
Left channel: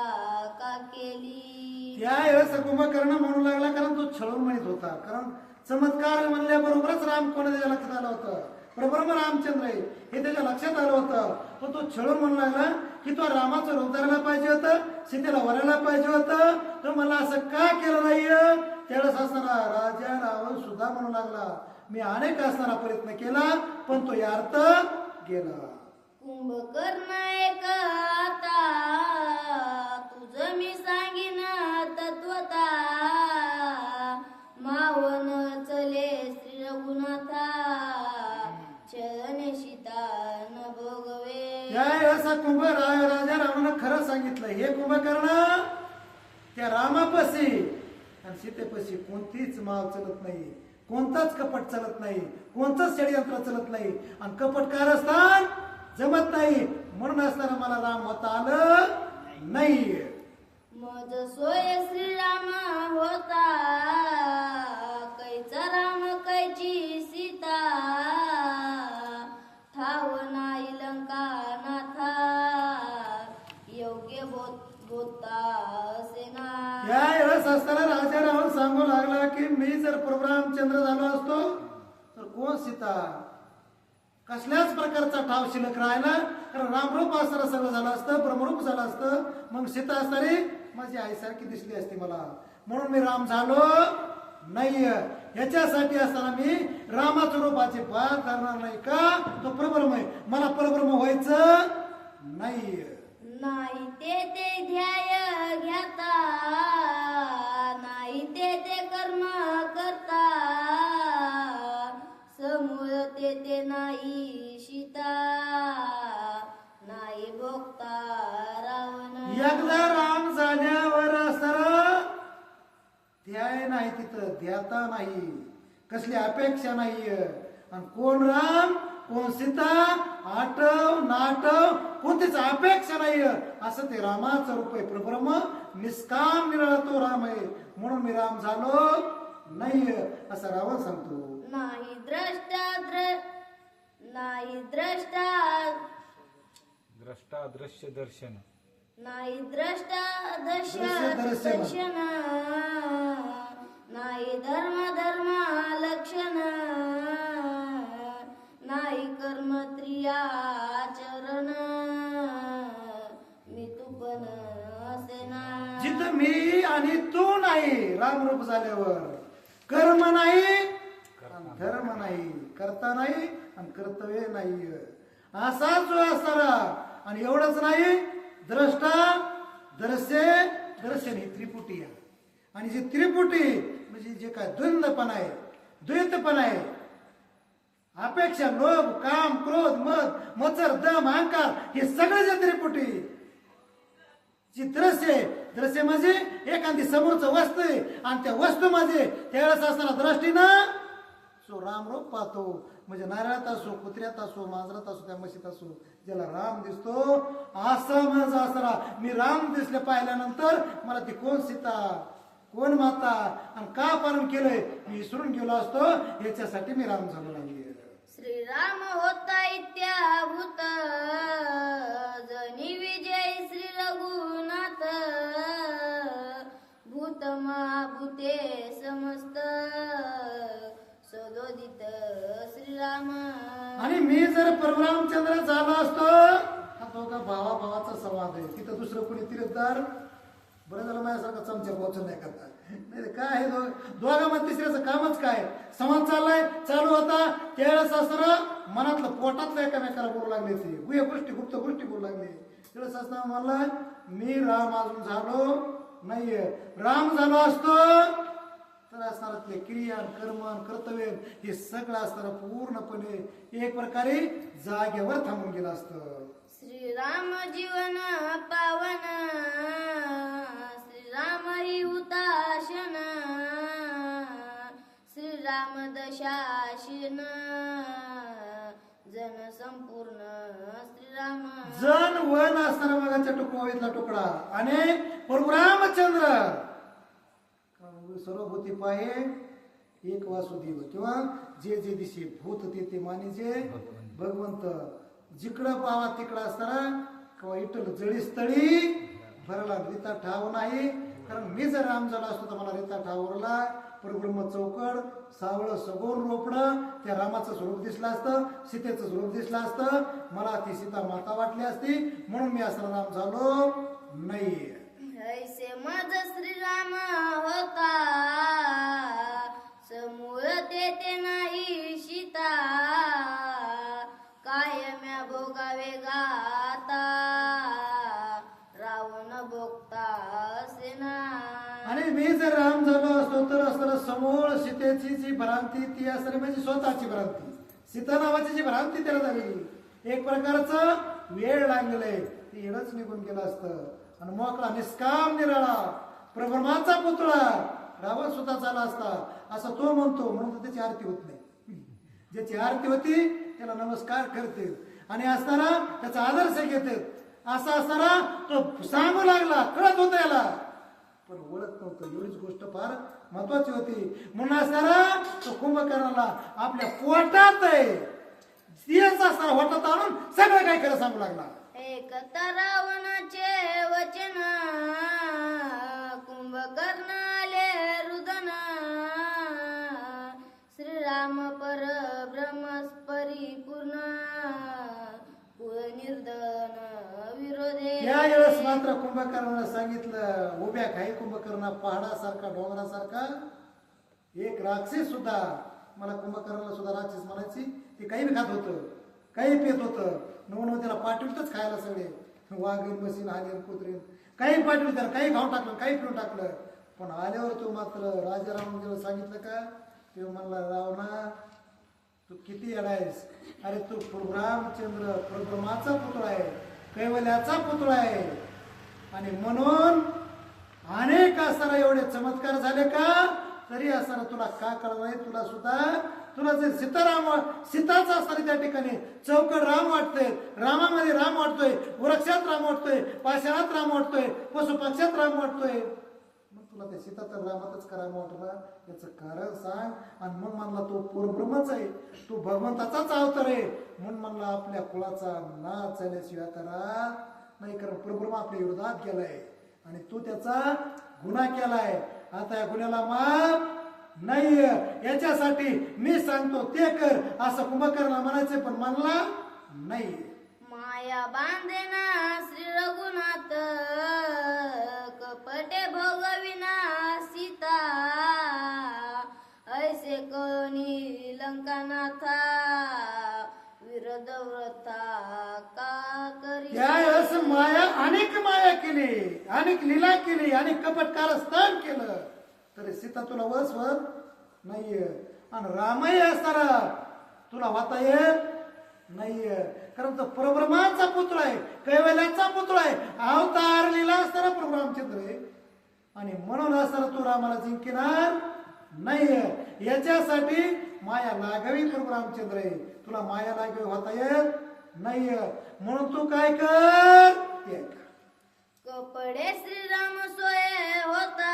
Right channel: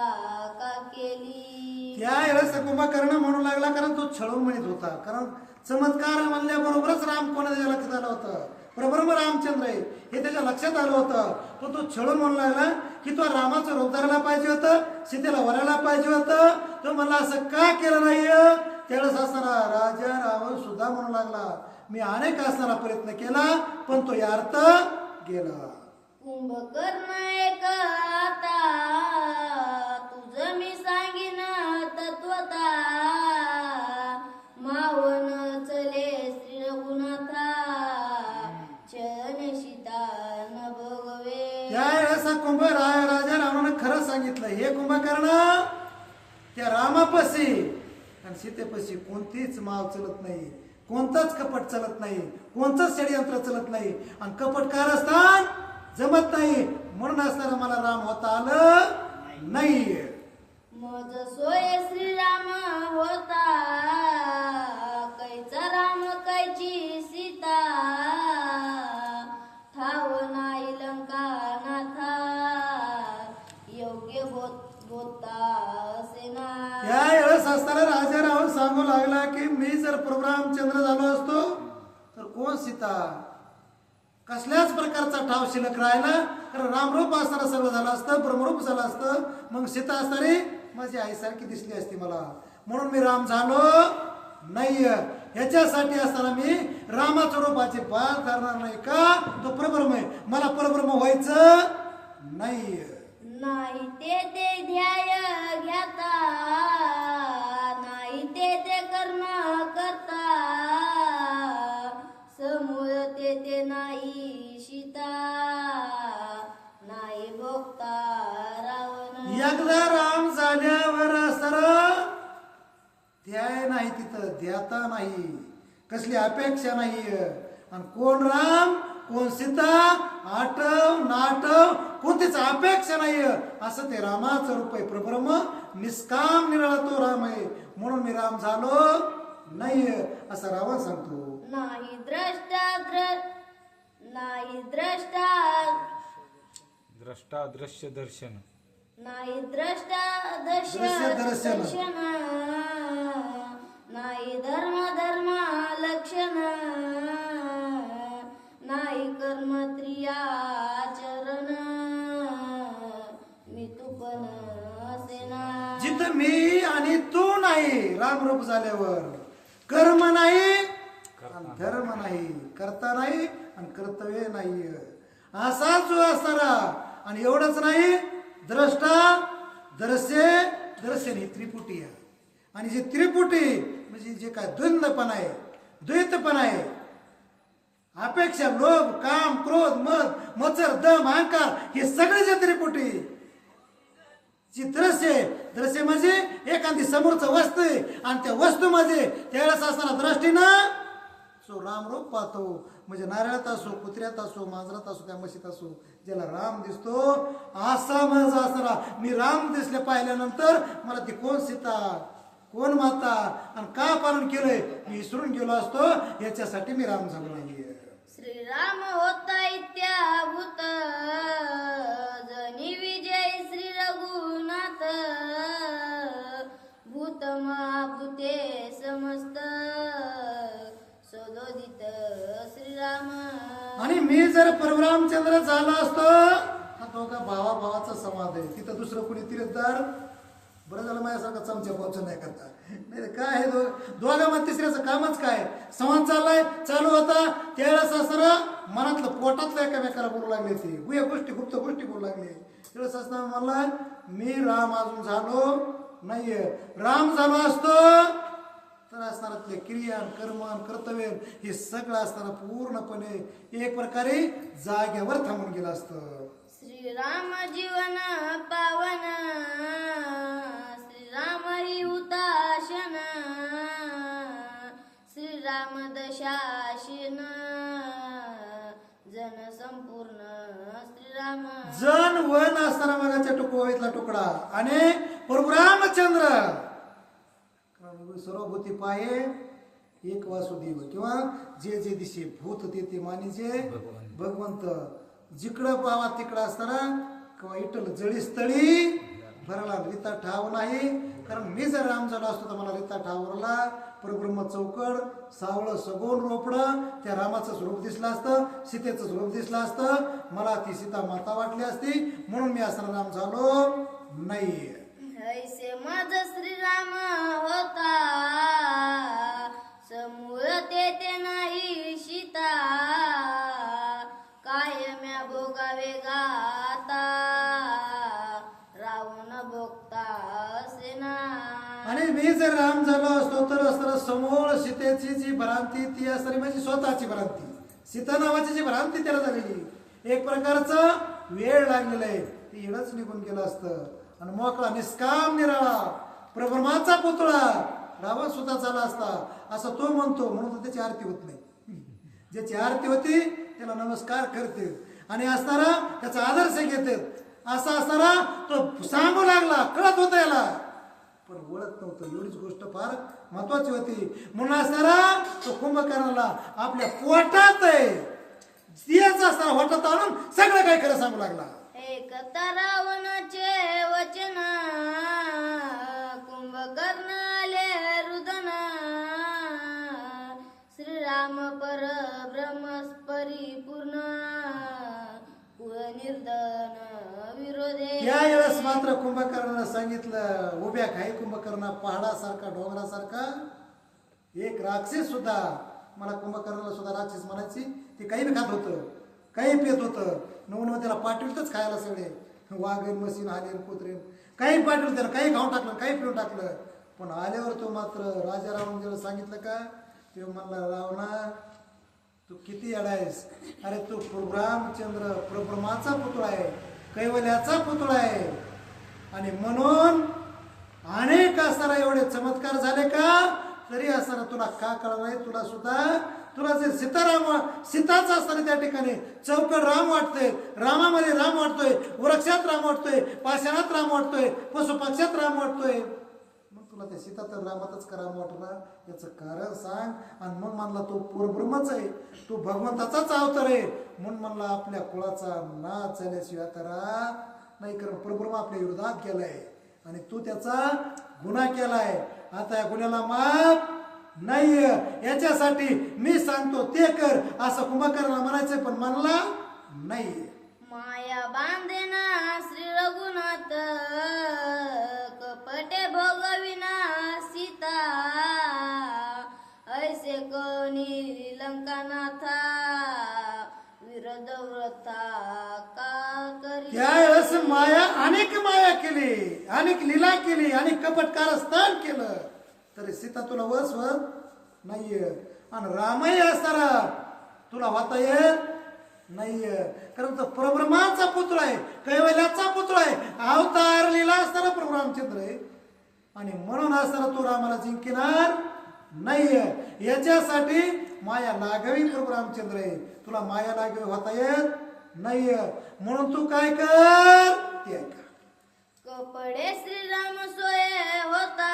का केली. त्यावेळेस कुंभकर्ण म्हणू लागला, कारण तो छळून म्हणत होता. कारण चमत्कार म्हणल्याबरोबरच राम कोणा त्याच्या लक्षात आलं होतं, प्रभ्रम रामचंद्र आहे हे त्याच्या लक्षात आलं होतं. पण तो छळून म्हणू लागला की तो रामाचं रूप धरायला पाहिजे होतं, सीतेला वरायला पाहिजे होतं, तो मला असं का केलं नाही. त्यावेळेस असताना राजा रावण सुद्धा म्हणू लागला मी अनेक असताना प्रयत्न केला पण तो यार्थ गेला. कुंभकर्ण एक आता तुझं मी सांगीन तत्वता मावन चले श्री रघुनाथा चरणे सीता न भोगवे. त्यावेळेस राजा रावणानं खरं सांगितलं, हे कुंभकर्ण त्या रामापाशी आणि सीतेपाशी कोणतीच माव चलत नाही, कोणताच कपट चलत नाही, कोणतंच षडयंत्र चलत नाही. आणि कपट कारस्थान जमत नाही, म्हणून असताना मला राम होता आलं नाही. मज सोय श्रीराम होता कैचा राम कैची सीता ठाव नाही लंका नाथा योग्य बोलता सेना. त्यावेळेस असताना राजा रावण सांगू लागला की मी जर प्रभू रामचंद्र झालो असतो तर कोण सीता, कसल्याच प्रकारचा ठाव शिल्लक राहिला. कारण रामरूप असताना सगळं झालं असतं, ब्रह्मरूप झालं असतं, मग सीता असणारी माझी आईसारखी दिसली असती मला, म्हणून मी राम झालो नाही. याच्यासाठी असताना मी रामाच्या रूपाची बात धरणार नाही. का तो परब्रह्म आहे, मला परब्रह्म व्हायचं नाही. नाही ते ध्याय घ्याता नाही ते कर्म करता समूळ ते नाही सीता नाही भोगता रावण. एकदा राम झाल्यावर असताना ध्याय नाही, तिथं ध्याता नाही, कसली अपेक्षा नाही. आणि कोण राम कोण सीता आठव नाटव कोणतीच अपेक्षा नाही, असं ते रामाचं रूप आहे. प्रब्रह्म निष्काम निराळा तो राम आहे, म्हणून मी राम झालो नाही असं रावण सांगतो. नाही द्रष्टा दृश्य दर्शन नाही द्रष्टा दृश्य दर्शन. दर्शन नाही धर्म लक्षण नाही कर्म त्रियाचरण मी तू पण असेना. जिथं मी आणि तू नाही, रामरूप झाल्यावर कर्म नाही आणि धर्म नाही, करता नाही आणि कर्तव्य नाही, असा जो असणारा. आणि एवढंच नाही, द्रष्टा दर्शन ही त्रिपुटी आहे. आणि जी त्रिपुटी म्हणजे जे काय द्वंद्वपण आहे, द्वैतपण आहे, अपेक्षा लोभ काम क्रोध मद मत्सर दम अहंकार हे सगळे जे त्रिपुटी जी दृश्य म्हणजे एखादी समोरचं वस्तू आहे आणि त्या वस्तूमध्ये त्यावेळेस असताना दृष्टीनं जो रामरूप पाहतो. म्हणजे नारळात असो, कुत्र्यात असो, मांजरात असो, त्या म्हशीत असो, ज्याला राम दिसतो असा म्हणजे असणारा मी राम दिसले पाहिल्यानंतर मला ती कोण सीता कोण माता आणि का पालन केलंय मी विसरून गेलो असतो, याच्यासाठी मी राम झालो नाहीये. श्रीराम होता इत्याभूत जनी विजय श्री रघुनाथ भूत महाभूते समस्त सदोदित श्रीराम. आणि मी जर परशुरामचंद्र झाला असतो, हा दोघा भावाचा संवाद आहे, तिथं दुसरं कुणी तीर्थदार बरं झालं माझ्यासारखा चमचा पोहोचून नाही करता. नाही तर काय आहे दोघांमध्ये तिसऱ्याचं कामच काय. संवाद चालू होता त्यावेळेस असताना मनातलं पोटातलं एकामेकाला बोलू लागले ते गुह्य गोष्टी गुप्त गोष्टी बोलू लागले. त्यावेळेस असताना म्हणला मी राम अजून झालो नाहीये. राम झालो असतो तर असणारातले क्रिया कर्म कर्तव्य हे सगळं असताना पूर्णपणे एक प्रकारे जागेवर थांबून गेलं असतं. श्रीराम जीवन पावन श्रीराम ही हुताशन श्रीराम दशाशीन जन संपूर्ण श्रीराम जन वन असताना मगाच्या टुकवाईतला तुकडा आणि प्रभू रामचंद्र सर्वभूती पाये एक वासुदेव किंवा जे जे दिशे भूत ते मानिजे भगवंत. जिकडं पावा तिकडं असताना किंवा इटल जळीस्थळी भरला रिता ठाव नाही. कारण मी जर राम झाला असतो तर मला रिता ठावरला परब्रह्म चौकड सावळ सगोल रोपडं त्या रामाचं स्वरूप दिसलं असतं सीतेचं स्वरूप दिसलं असतं. मला ती सीता माता वाटली असती म्हणून मी असताना राम झालो नाही. ऐसे मज श्रीराम होता समूळ ते नाही सीता कायम्या भोगावे गाता रावण भोगता सेना. आणि मी जर राम झालो असतो तर असताना समोर सीतेची जी भ्रांती ती असणारी म्हणजे स्वतःची भ्रांती सीता नावाची जी भ्रांती त्याला झालेली एक प्रकारचं वेळ लागलेला आहे ते येडच निघून गेलं असतं. आणि मोकळा निष्काम निराळा प्रभ्रमाचा पुतळा रावण सुद्धा झाला असता असं तो म्हणतो. म्हणून तर त्याची आरती होत नाही. ज्याची आरती होती त्याला नमस्कार करते आणि असताना त्याचा आदर्श घेते. असा असताना तो सांगू लागला कळत होता याला पण ओळख नव्हतं. एवढीच गोष्ट फार महत्वाची होती. म्हणून असताना तो कुंभकर्णाला आपल्या पोटात आहे स्त्रियाचा असताना होटात आणून सगळं काही खरं सांगू लागला. एकता रावणाचे वचन कुंभकर्ण आले रुदन श्रीराम पर ब्रह्म परिपूर्ण कुळ निर्धन विरोधे. त्यावेळेस मात्र कुंभकर्णाला सांगितलं उभ्या काही कुंभकर्ण पहाडासारखा डोंगरासारखा एक राक्षस सुद्धा मला कुंभकर्णाला सुद्धा राक्षस म्हणायची. ते काही बी खात होतं काही पेत होतं नवनव त्याला पाठविलतच खायला सगळे वाघीण मशीन आले कुत्रीन काही पाठवलं त्याला काही खाऊन टाकलं काही पिऊन टाकलं. पण आल्यावर तो मात्र राजा रावणाला सांगितलं का ते म्हणला रावणा तू किती अडायस. अरे तू रामचंद्र प्रभ्रमाचा पुतळा आहे कैवल्याचा पुतळा आहे आणि म्हणून अनेक असताना एवढे चमत्कार झाले का तरी असताना तुला का कळलं नाही. तुला सुद्धा तुला जे सीताचा असताना त्या ठिकाणी चौकड राम वाटतोय रामामध्ये राम वाटतोय वृक्षात राम वाटतोय पाषाणात राम वाटतोय पशुपक्षात राम वाटतोय. मग तुला त्या सीता तर रामातच का राम वाटला याचं कारण सांग. आणि मग म्हणला तो परब्रह्मच आहे तो भगवंताचाच अवतार आहे म्हणून म्हणला आपल्या कुळाचा नाच झाल्याशिवाय करा नाही. कारण परब्रह्म आपल्या विरोधात गेलाय आणि तू त्याचा गुन्हा केलाय. आता या गुन्ह्याला माफ नाही याच्यासाठी मी सांगतो ते कर असं कुंभकर्ण म्हणायचं पण म्हणला नाही. माया बांधेना श्री रघुनाथ कपटे भोगविना सीता ऐसे कोणी लंकानाथा विरोध व्रता का करी. त्यावेळेस माया अनेक माया केली अनेक लीला केली अनेक कपट कारस्थान केलं तरी सीता तुला वसवत नाहीये. आणि रामही असताना तुला होता येत नाहीये कारण तो परब्रह्माचा पुत्र आहे कैवल्याचा पुत्र आहे अवतार लीला असताना प्रभू रामचंद्र आहे आणि म्हणून असताना तू रामाला जिंकणार नाहीये. याच्यासाठी माया लागावी प्रभू रामचंद्र आहे तुला माया लागावी होता येत नाहीये. म्हणून तू काय कर ते कर. कपडे श्रीराम सोये होता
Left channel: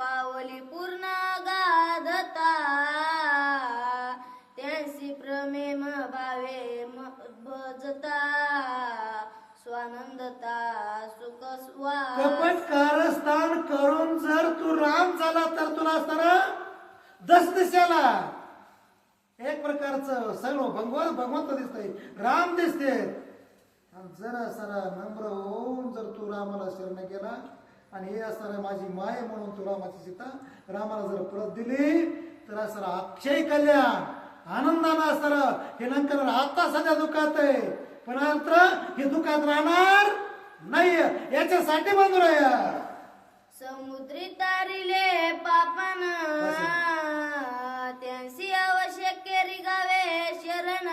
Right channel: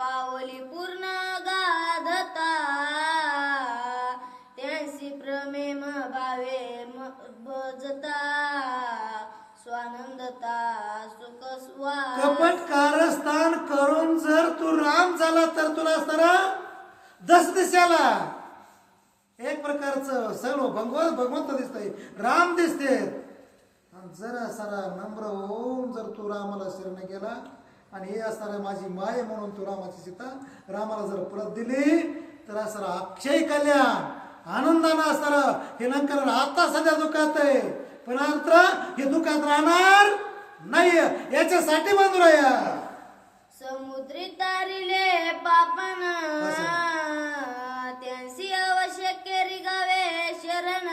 पावली पूर्ण गाधता त्यांसी प्रेम भावे भजता स्वानंदता सुख कपट कारस्थान करून जर तू राम झाला तर तुला असताना दस दिशाला एक प्रकारचं सर्व भगवंत दिसतंय राम दिसते. जरा सारा नम्र होऊन जर तू रामाला शरण गेला केला आणि हे असणारं माझी माय म्हणून तू रामाची सीता रामाला जर परत दिली तर असणारं अक्षय कल्याण आनंदानं असणारं हे नंतर आता सध्या दुःखात आहे पण अर्थ हे दुःखात राहणार नाही याच्यासाठी मंजूर आहे. समुद्री तारिले पापन त्यांसी आवश्यक रिगावे शरण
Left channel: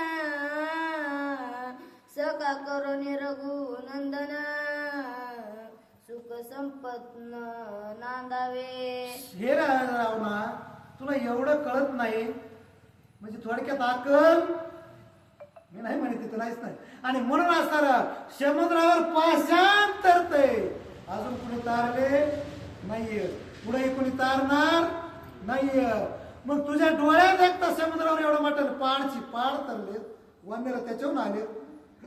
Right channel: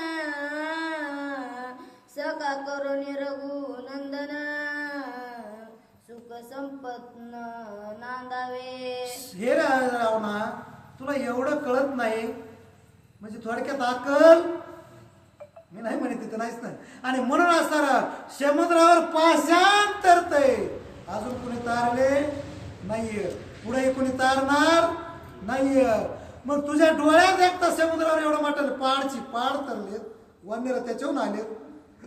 सका करुणी रघुनंदन सुख संपत्न नांदावे. हे रावणा तुला एवढं कळत नाही म्हणजे थोडक्यात अक्कल मी नाही म्हणत तिथं नाहीच नाही आणि म्हणून असणारा समुद्रावर पाषाण तरतय अजून कुणी तारले नाहीये पुढे कुणी तारणार नाहीये. मग तुझ्या डोळ्यात एकता समुद्रावर एवढं मोठं पाड तरलेत वन्यरा त्याच्याहून आलेत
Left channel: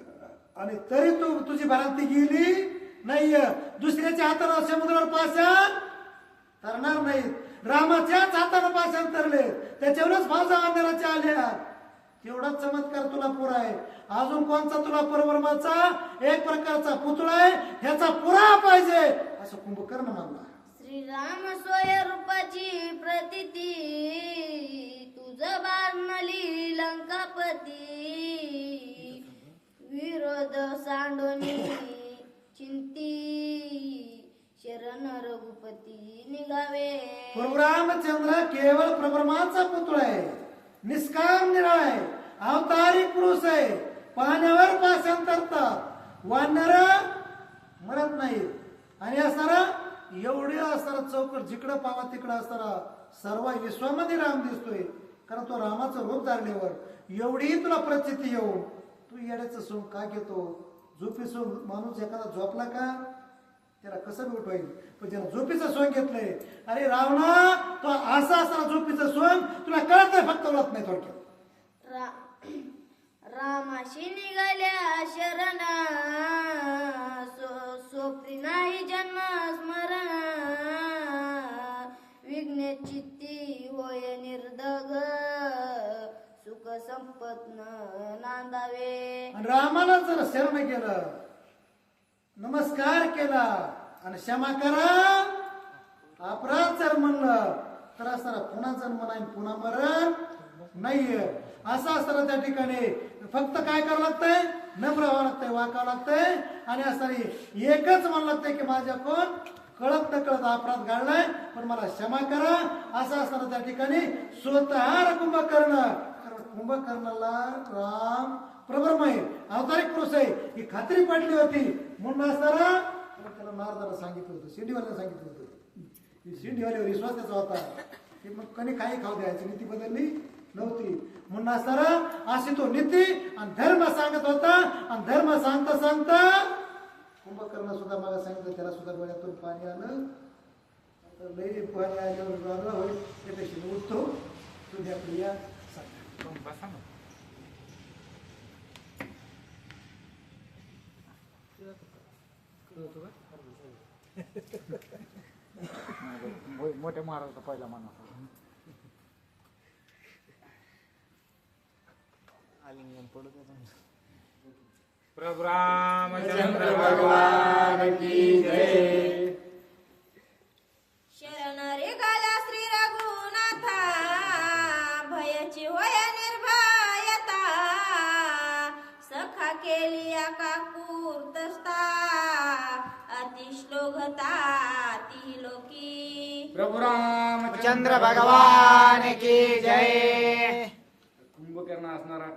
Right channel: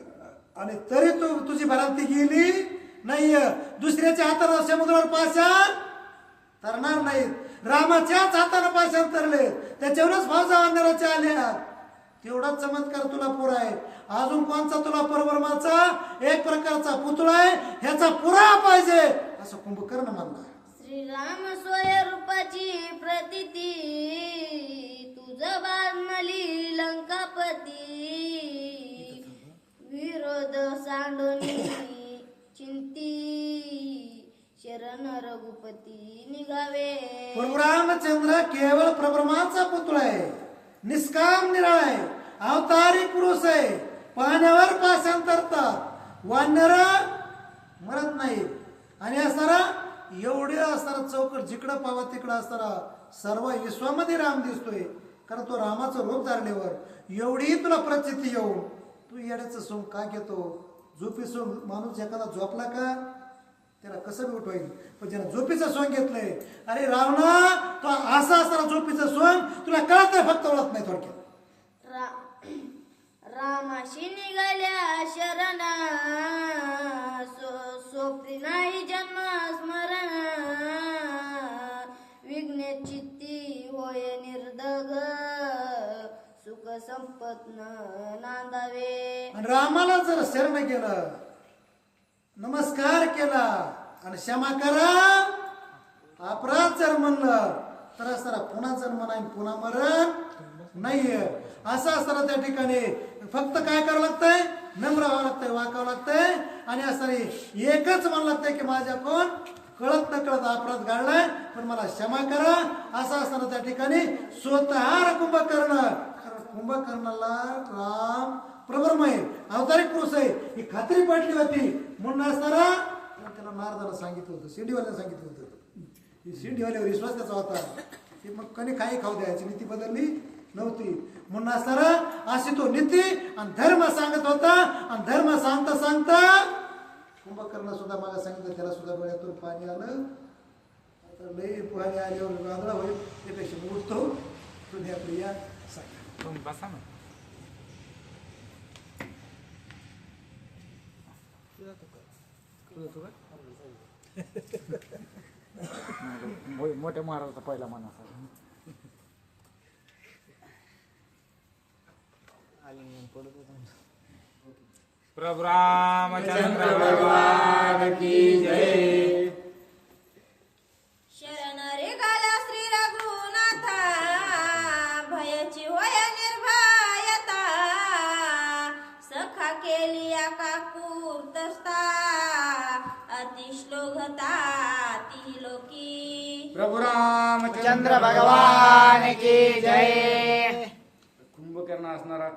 आणि तरी तू तुझी भरांती गेली नाहीये. दुसऱ्याच्या हाताने समुद्रावर पाषाण तरणार नाहीत रामाच्याच हाताने पाषाण तरलेत त्याच्यावरच भावजा वन्यराच्या आल्या. तेवढाच चमत्कार तुला पुरा आहे. अजून कोणचा तुला परब्रह्माचा एक प्रकारचा पुतळा आहे ह्याचा पुरावा पाहिजे असं कुंभकर्ण म्हणला. श्रीराम सोय रूपाची प्रतिती तुझ बाणली लंकापती विरोध सांडोनी चिंती शरण रघुपती निघावे. प्रभू रामचंद्र केवळ परब्रह्माचा पुतळा आहे निष्काम निराळा आहे अवतारी पुरुष आहे पाण्यावर पाषाण तरतात वानर मरत नाही आणि असणारा एवढे असणारा चौकट जिकडं पावा तिकडं असणारा सर्व विश्वामध्ये राम दिसतोय कारण तो रामाचं रूप धारल्यावर एवढी तुला प्रचिती येऊन तू येण्याचं सोंग का घेतो. झोपी सोंग माणूस एखादा झोपला का त्याला कसं बी उठवाईल पण ज्याला झोपीचं सोंग घेतलंय अरे रावणा तो असा असताना झोपीचं सोंग तुला कळत नाही फक्त ओळख नाही थोडक्यात. रामाशी निघाल्या शरण सोपती नाही जन्म स्मरण विघ्ने चित्ती होय निर्दग सुख संपत्न नांदावे. आणि रामाला जर शरण केलं नमस्कार केला आणि क्षमा करा अपराध जर म्हणलं तर असताना पुन्हा जन्म नाही पुन्हा मरण नाहीये. असं असताना त्या ठिकाणी फक्त काय करावं लागतंय नम्र व्हावं लागतंय वाकावं लागतंय आणि असताना एकच म्हणावं लागतंय की माझ्या कोण कळत न कळत अपराध घडलाय पण मला क्षमा करा. असं असताना त्या ठिकाणी स्वतः कुंभकर्ण कारण कुंभकर्णाला राम प्रब्रह्म आहे अवतारिक पुरुष आहे ही खात्री पडली होती म्हणून असणारा त्याला नारदाला सांगितलं होतं शिंडीवाल्याला सांगितलं होतं शिंडीवाल्यावर विश्वास त्याचा होता की मग कधी काही खाऊ द्यायची नीती बदलली नव्हती म्हणून असणारा अशी तो नीती आणि धर्म सांगत होता आणि धर्म सांगता सांगता कुंभकर्ण सुद्धा मला सांगितलं त्याला सुद्धा डोळ्यातून पाणी आलं आता लई पाणी आल्यावर वादळा होईल त्यापेक्षा मी उठतो तुम्ही आपली या सांगा तुम्ही बसा ना. मोठ्या महाराजाचा पहिला मान असा प्रभु रामचंद्र भगवान की जय. शरण रे गाला श्री रघुनाथा भयाची होय निर्भयता सखा केली काकूर्तस्ता अतिश्लोकता ती लोकी. प्रभु रामचंद्र भगवान की जय. कुंभकर्ण असणारा